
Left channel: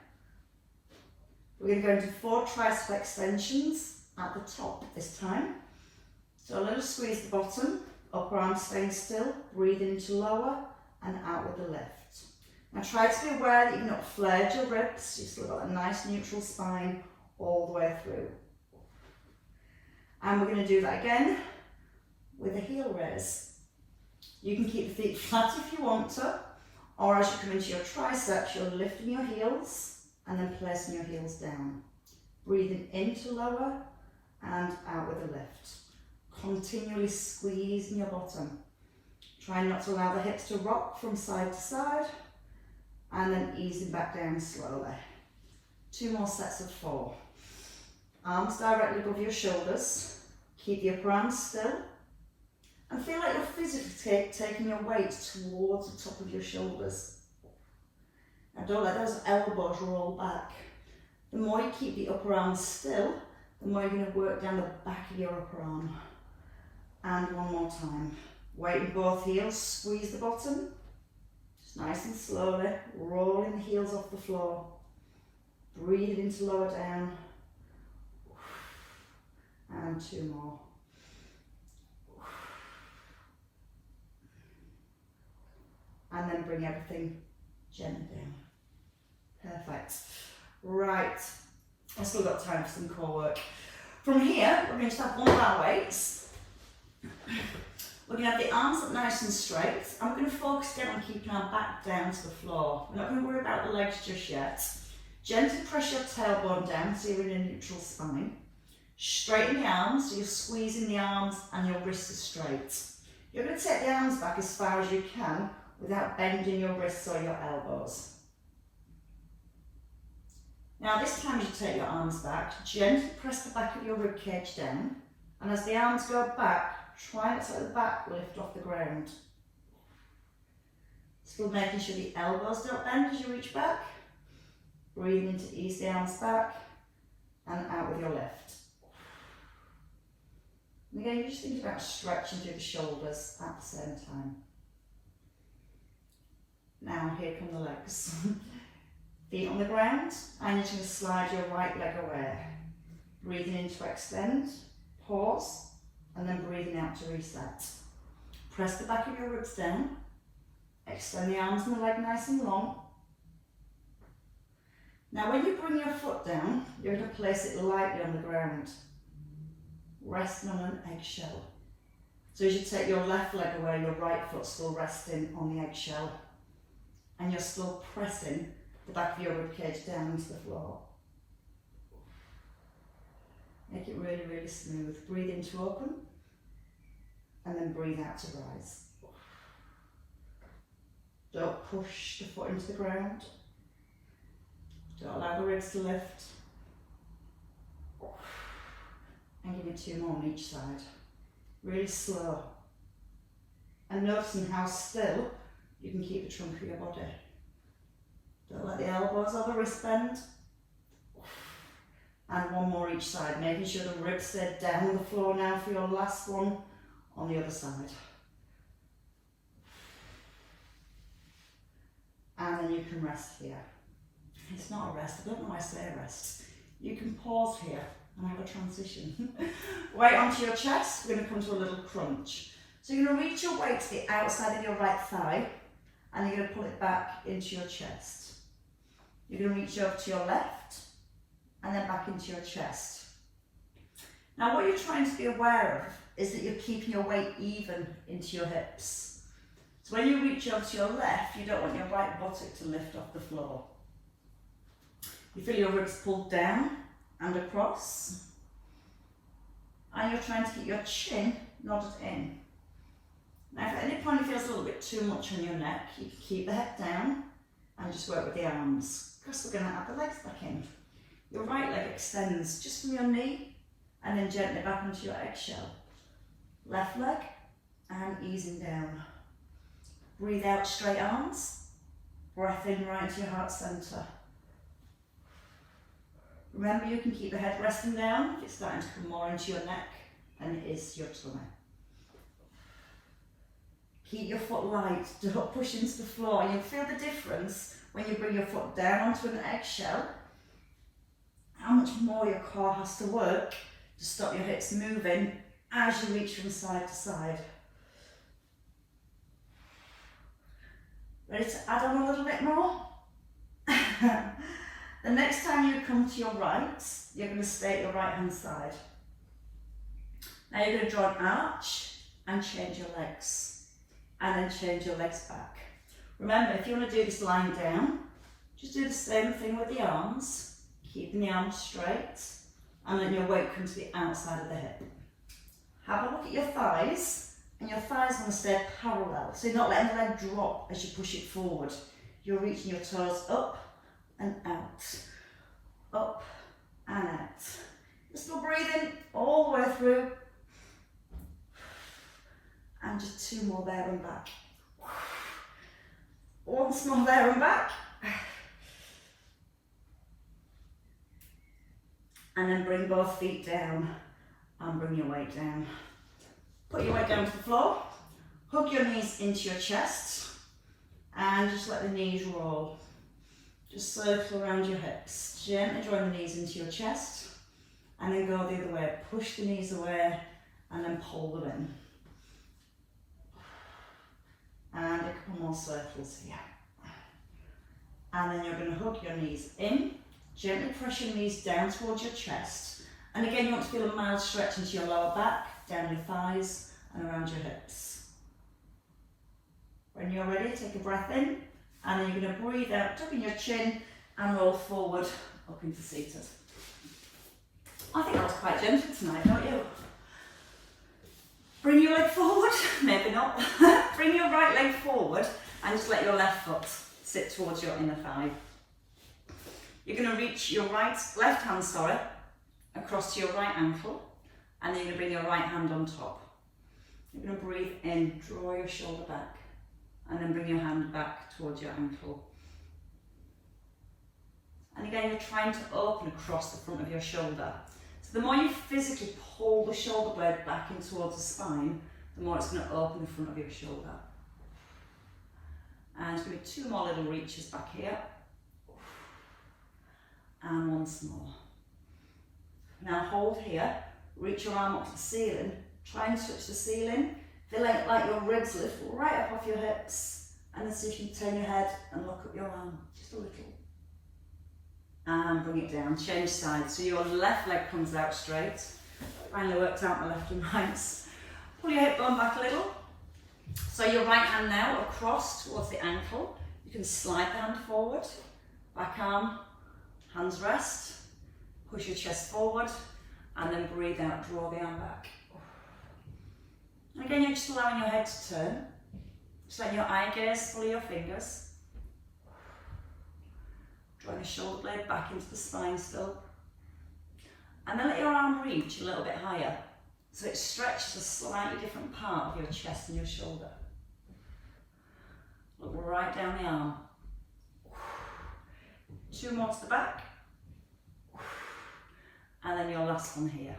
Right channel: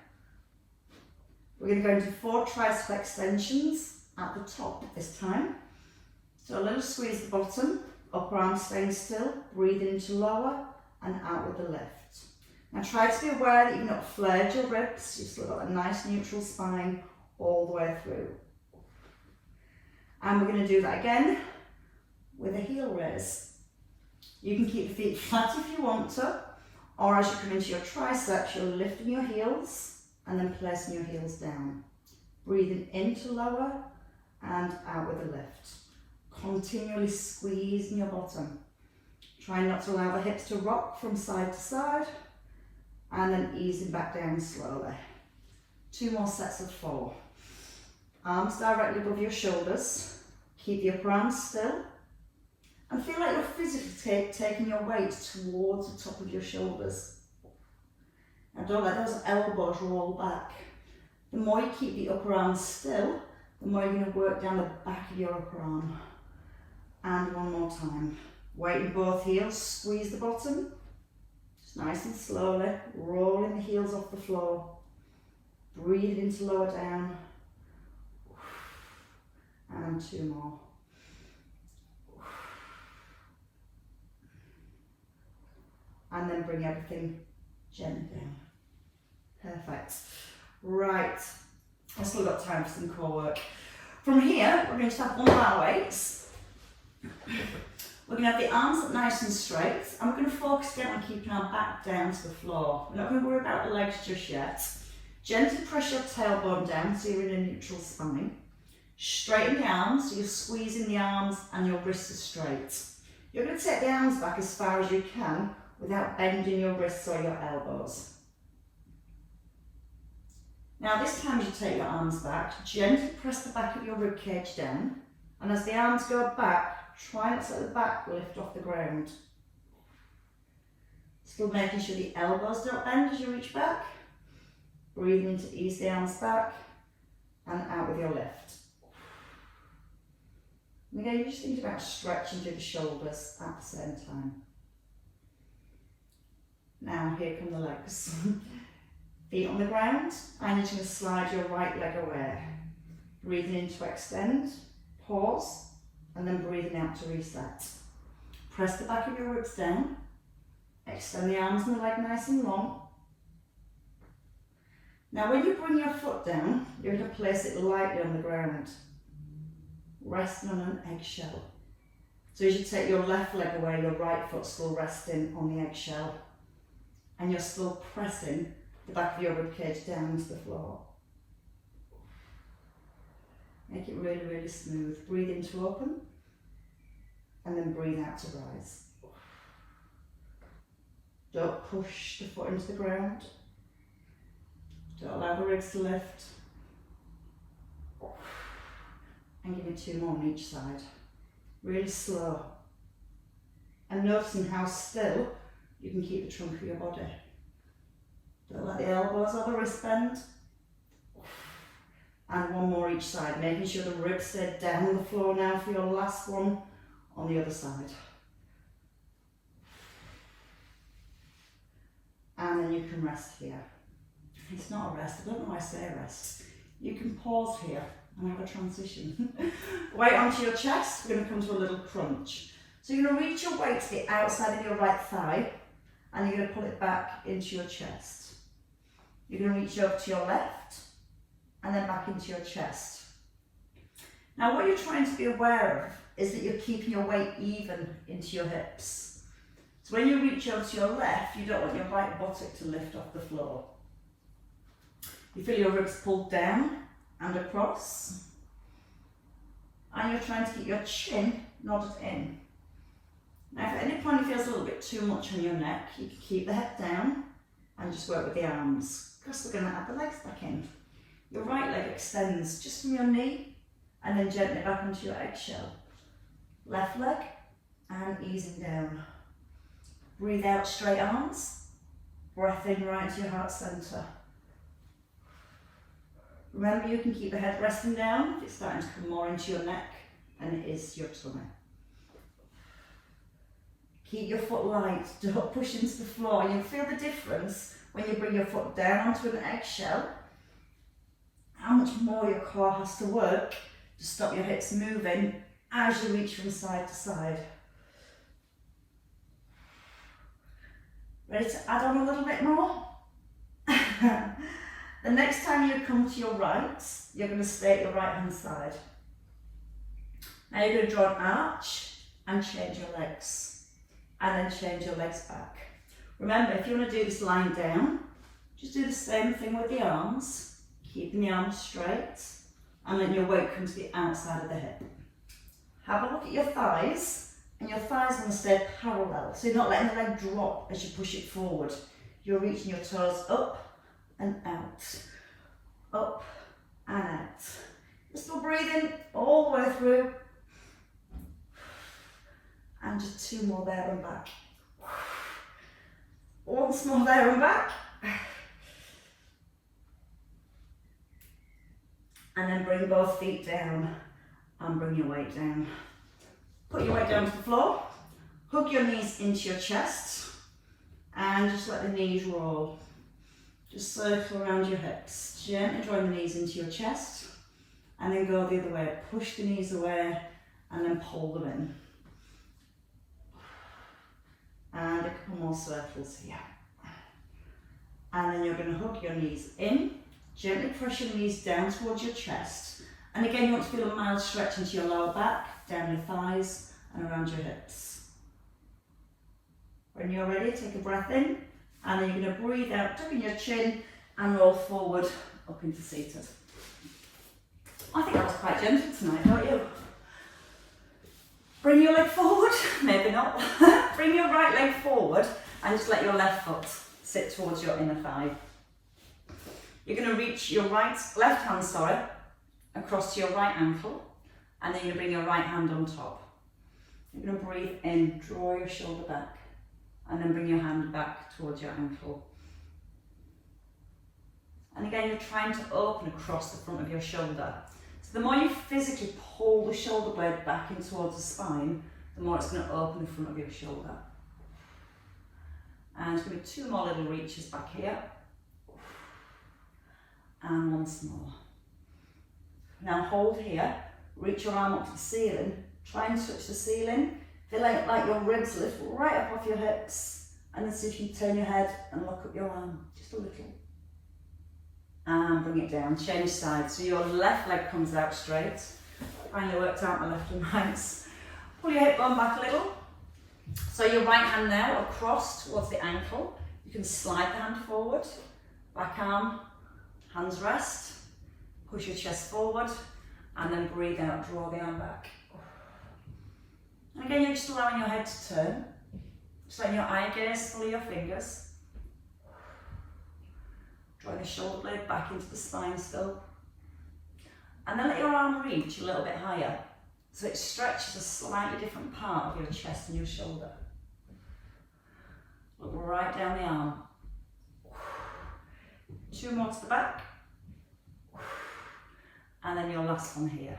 we're going to go into 4 tricep extensions at the top this time. So a little squeeze the bottom, upper arm staying still, breathe into lower and out with the lift. Now try to be aware that you've not flared your ribs, you've still got a nice neutral spine all the way through. And we're going to do that again with a heel raise. You can keep the feet flat if you want to, or as you come into your triceps, you're lifting your heels and then placing your heels down. Breathing into lower and out with a lift. Continually squeezing your bottom. Try not to allow the hips to rock from side to side and then easing back down slowly. 2 more sets of 4. Arms directly above your shoulders. Keep the upper arms still. And feel like you're physically taking your weight towards the top of your shoulders. Now don't let those elbows roll back. The more you keep the upper arm still, the more you're going to work down the back of your upper arm. And one more time. Weight in both heels, squeeze the bottom. Just nice and slowly, rolling the heels off the floor. Breathe into lower down. And 2 more. And then bring everything gently down. Perfect. Right, I've still got time for some core work. From here, we're going to have one of our weights. We're going to have the arms up nice and straight, and we're going to focus down on keeping our back down to the floor. We're not going to worry about the legs just yet. Gently press your tailbone down so you're in a neutral spine. Straighten the arms, so you're squeezing the arms and your wrists are straight. You're going to take the arms back as far as you can without bending your wrists or your elbows. Now this time as you take your arms back, gently press the back of your rib cage down, and as the arms go back, try not to let the back lift off the ground. Still making sure the elbows don't bend as you reach back. Breathing to ease the arms back and out with your lift. And again, you just think about stretching through the shoulders at the same time. Now here come the legs. Feet on the ground, and you're going to slide your right leg away. Breathing in to extend, pause, and then breathing out to reset. Press the back of your ribs down. Extend the arms and the leg nice and long. Now when you bring your foot down, you're going to place it lightly on the ground, resting on an eggshell. So as you take your left leg away, your right foot's still resting on the eggshell, and you're still pressing the back of your ribcage down into the floor. Make it really, really smooth. Breathe in to open, and then breathe out to rise. Don't push the foot into the ground. Don't allow the ribs to lift. And give me 2 more on each side. Really slow. And noticing how still you can keep the trunk of your body. Don't let the elbows or the wrist bend. And 1 more each side, making sure the ribs stay down on the floor now for your last one on the other side. And then you can rest here. It's not a rest, I don't know why I say rest. You can pause here and have a transition. Weight onto your chest, we're going to come to a little crunch. So you're going to reach your weight to the outside of your right thigh, and you're going to pull it back into your chest. You're going to reach over to your left, and then back into your chest. Now what you're trying to be aware of is that you're keeping your weight even into your hips. So when you reach over to your left, you don't want your right buttock to lift off the floor. You feel your ribs pulled down and across. And you're trying to keep your chin nodded in. Now if at any point it feels a little bit too much on your neck, you can keep the head down and just work with the arms. Because we're going to add the legs back in. Your right leg extends just from your knee and then gently back onto your eggshell. Left leg and easing down. Breathe out, straight arms. Breath in right into your heart centre. Remember, you can keep the head resting down if it's starting to come more into your neck than it is your tummy. Keep your foot light, don't push into the floor. You'll feel the difference when you bring your foot down onto an eggshell, how much more your core has to work to stop your hips moving as you reach from side to side. Ready to add on a little bit more? The next time you come to your right, you're going to stay at your right hand side. Now you're going to draw an arch and change your legs, and then change your legs back. Remember, if you want to do this lying down, just do the same thing with the arms, keeping the arms straight, and then your weight comes to the outside of the hip. Have a look at your thighs, and your thighs want to stay parallel, so you're not letting the leg drop as you push it forward. You're reaching your toes up and out, up and out. You're still breathing all the way through, and just two more there and back. Once more there and back. And then bring both feet down and bring your weight down. Put your weight down to the floor, hug your knees into your chest, and just let the knees roll. Just circle around your hips. Gently drawing the knees into your chest, and then go the other way. Push the knees away and then pull them in. And a couple more circles here. And then you're going to hook your knees in, gently press your knees down towards your chest. And again, you want to feel a mild stretch into your lower back, down your thighs and around your hips. When you're ready, take a breath in, and then you're going to breathe out, tucking your chin and roll forward up into seated. I think that was quite gentle tonight, don't you? Bring your leg forward, maybe not. Bring your right leg forward and just let your left foot sit towards your inner thigh. You're going to reach your left hand, across to your right ankle, and then you're going to bring your right hand on top. You're going to breathe in, draw your shoulder back, and then bring your hand back towards your ankle. And again, you're trying to open across the front of your shoulder. So the more you physically pull the shoulder blade back in towards the spine, the more it's going to open the front of your shoulder. And there's going to be two more little reaches back here. And once more. Now hold here, reach your arm up to the ceiling, try and touch the ceiling, feel like your ribs lift right up off your hips, and then see if you can turn your head and look up your arm, just a little. And bring it down, change sides, so your left leg comes out straight. Finally worked out my left and right. Pull your hip bone back a little. So your right hand now across towards the ankle. You can slide the hand forward, back arm, hands rest, push your chest forward, and then breathe out, draw the arm back. And again, you're just allowing your head to turn. Just letting your eye gaze follow your fingers. Drawing the shoulder blade back into the spine still. And then let your arm reach a little bit higher, so it stretches a slightly different part of your chest and your shoulder. Look right down the arm. Two more to the back. And then your last one here.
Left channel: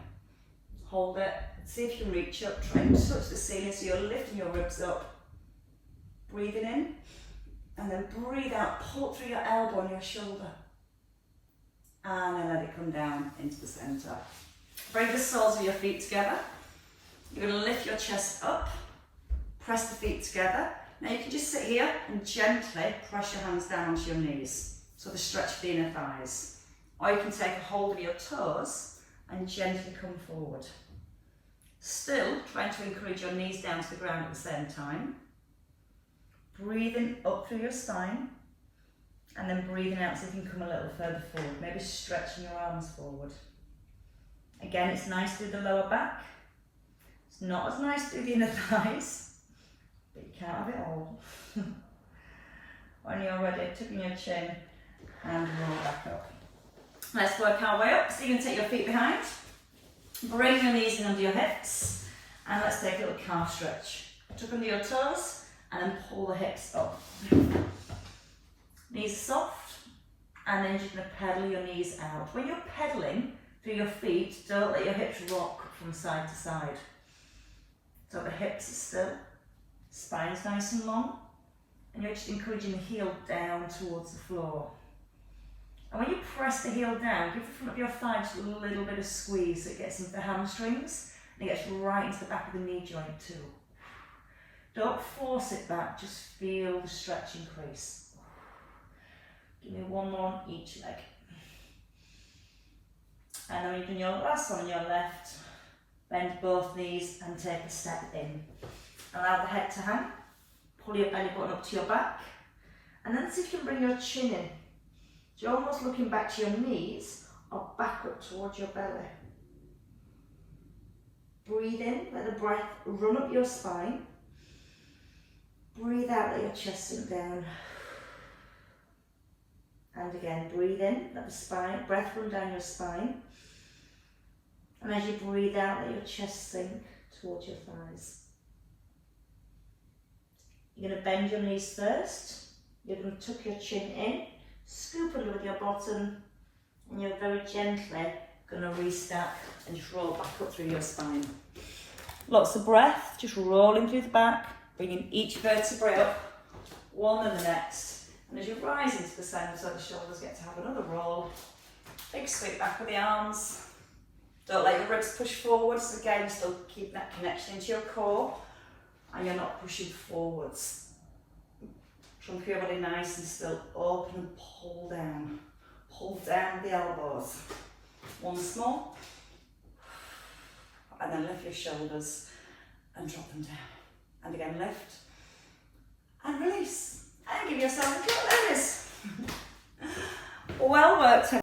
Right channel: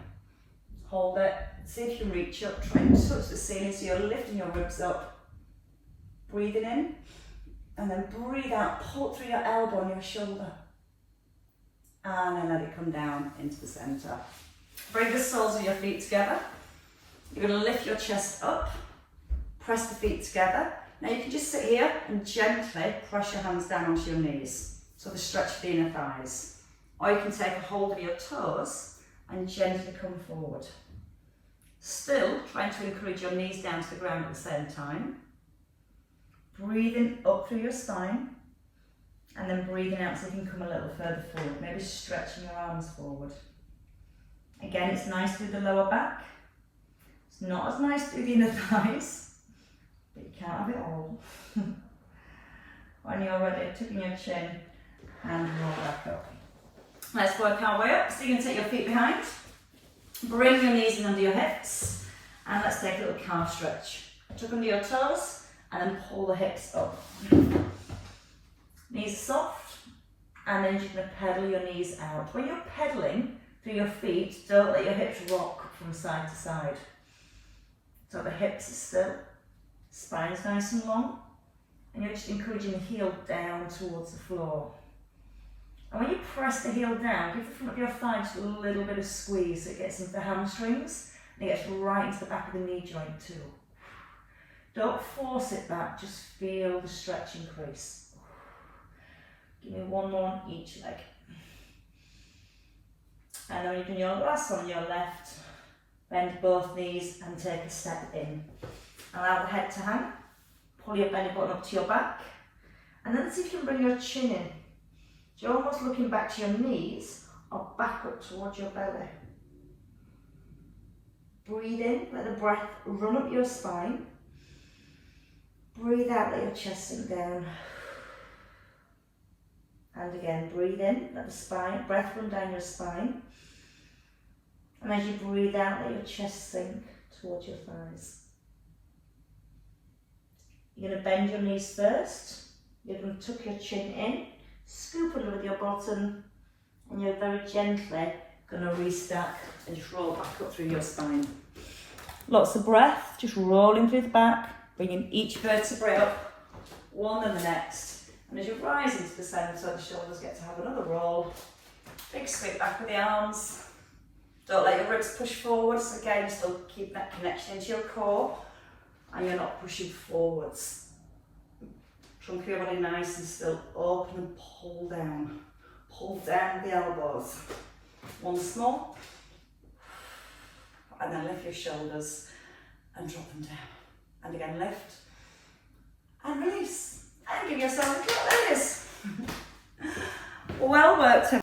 Hold it, see if you can reach up, try and touch the ceiling so you're lifting your ribs up. Breathing in, and then breathe out, pull through your elbow and your shoulder. And then let it come down into the centre. Bring the soles of your feet together. You're going to lift your chest up, press the feet together. Now you can just sit here and gently press your hands down onto your knees, so the stretch of the inner thighs. Or you can take a hold of your toes and gently come forward. Still trying to encourage your knees down to the ground at the same time. Breathing up through your spine and then breathing out so you can come a little further forward, maybe stretching your arms forward. Again, it's nice through the lower back. It's not as nice through the inner thighs, but you can't have it all. When you're ready, tucking your chin and roll back up. Let's work our way up. So you're going to take your feet behind, bring your knees in under your hips, and let's take a little calf stretch. Tuck under your toes and then pull the hips up. Knees soft, and then you're going to pedal your knees out. When you're pedaling through your feet, don't let your hips rock from side to side. So the hips are still, spine's nice and long, and you're just encouraging the heel down towards the floor. And when you press the heel down, give the front of your thigh just a little bit of squeeze so it gets into the hamstrings and it gets right into the back of the knee joint too. Don't force it back, just feel the stretch increase. Give me one more on each leg. And then when you've done your last one on your left, bend both knees and take a step in. Allow the head to hang, pull your belly button up to your back, and then see if you can bring your chin in. So you're almost looking back to your knees or back up towards your belly. Breathe in, let the breath run up your spine. Breathe out, let your chest sink down. And again, breathe in, let the breath run down your spine. And as you breathe out, let your chest sink towards your thighs. You're going to bend your knees first. You're going to tuck your chin in, scoop under with your bottom, and you're very gently going to restack and just roll back up through your spine. Lots of breath, just rolling through the back, bringing each vertebrae up, one and the next. And as you rise into the center, so the shoulders get to have another roll. Big sweep back with the arms. Don't let your ribs push forward, so again, you're still keeping that connection into your core, and you're not pushing forwards. Trunk of your body nice and still, open and pull down. Pull down the elbows. Once more. And then lift your shoulders and drop them down. And again, lift and release. And give yourself a little release. Well worked.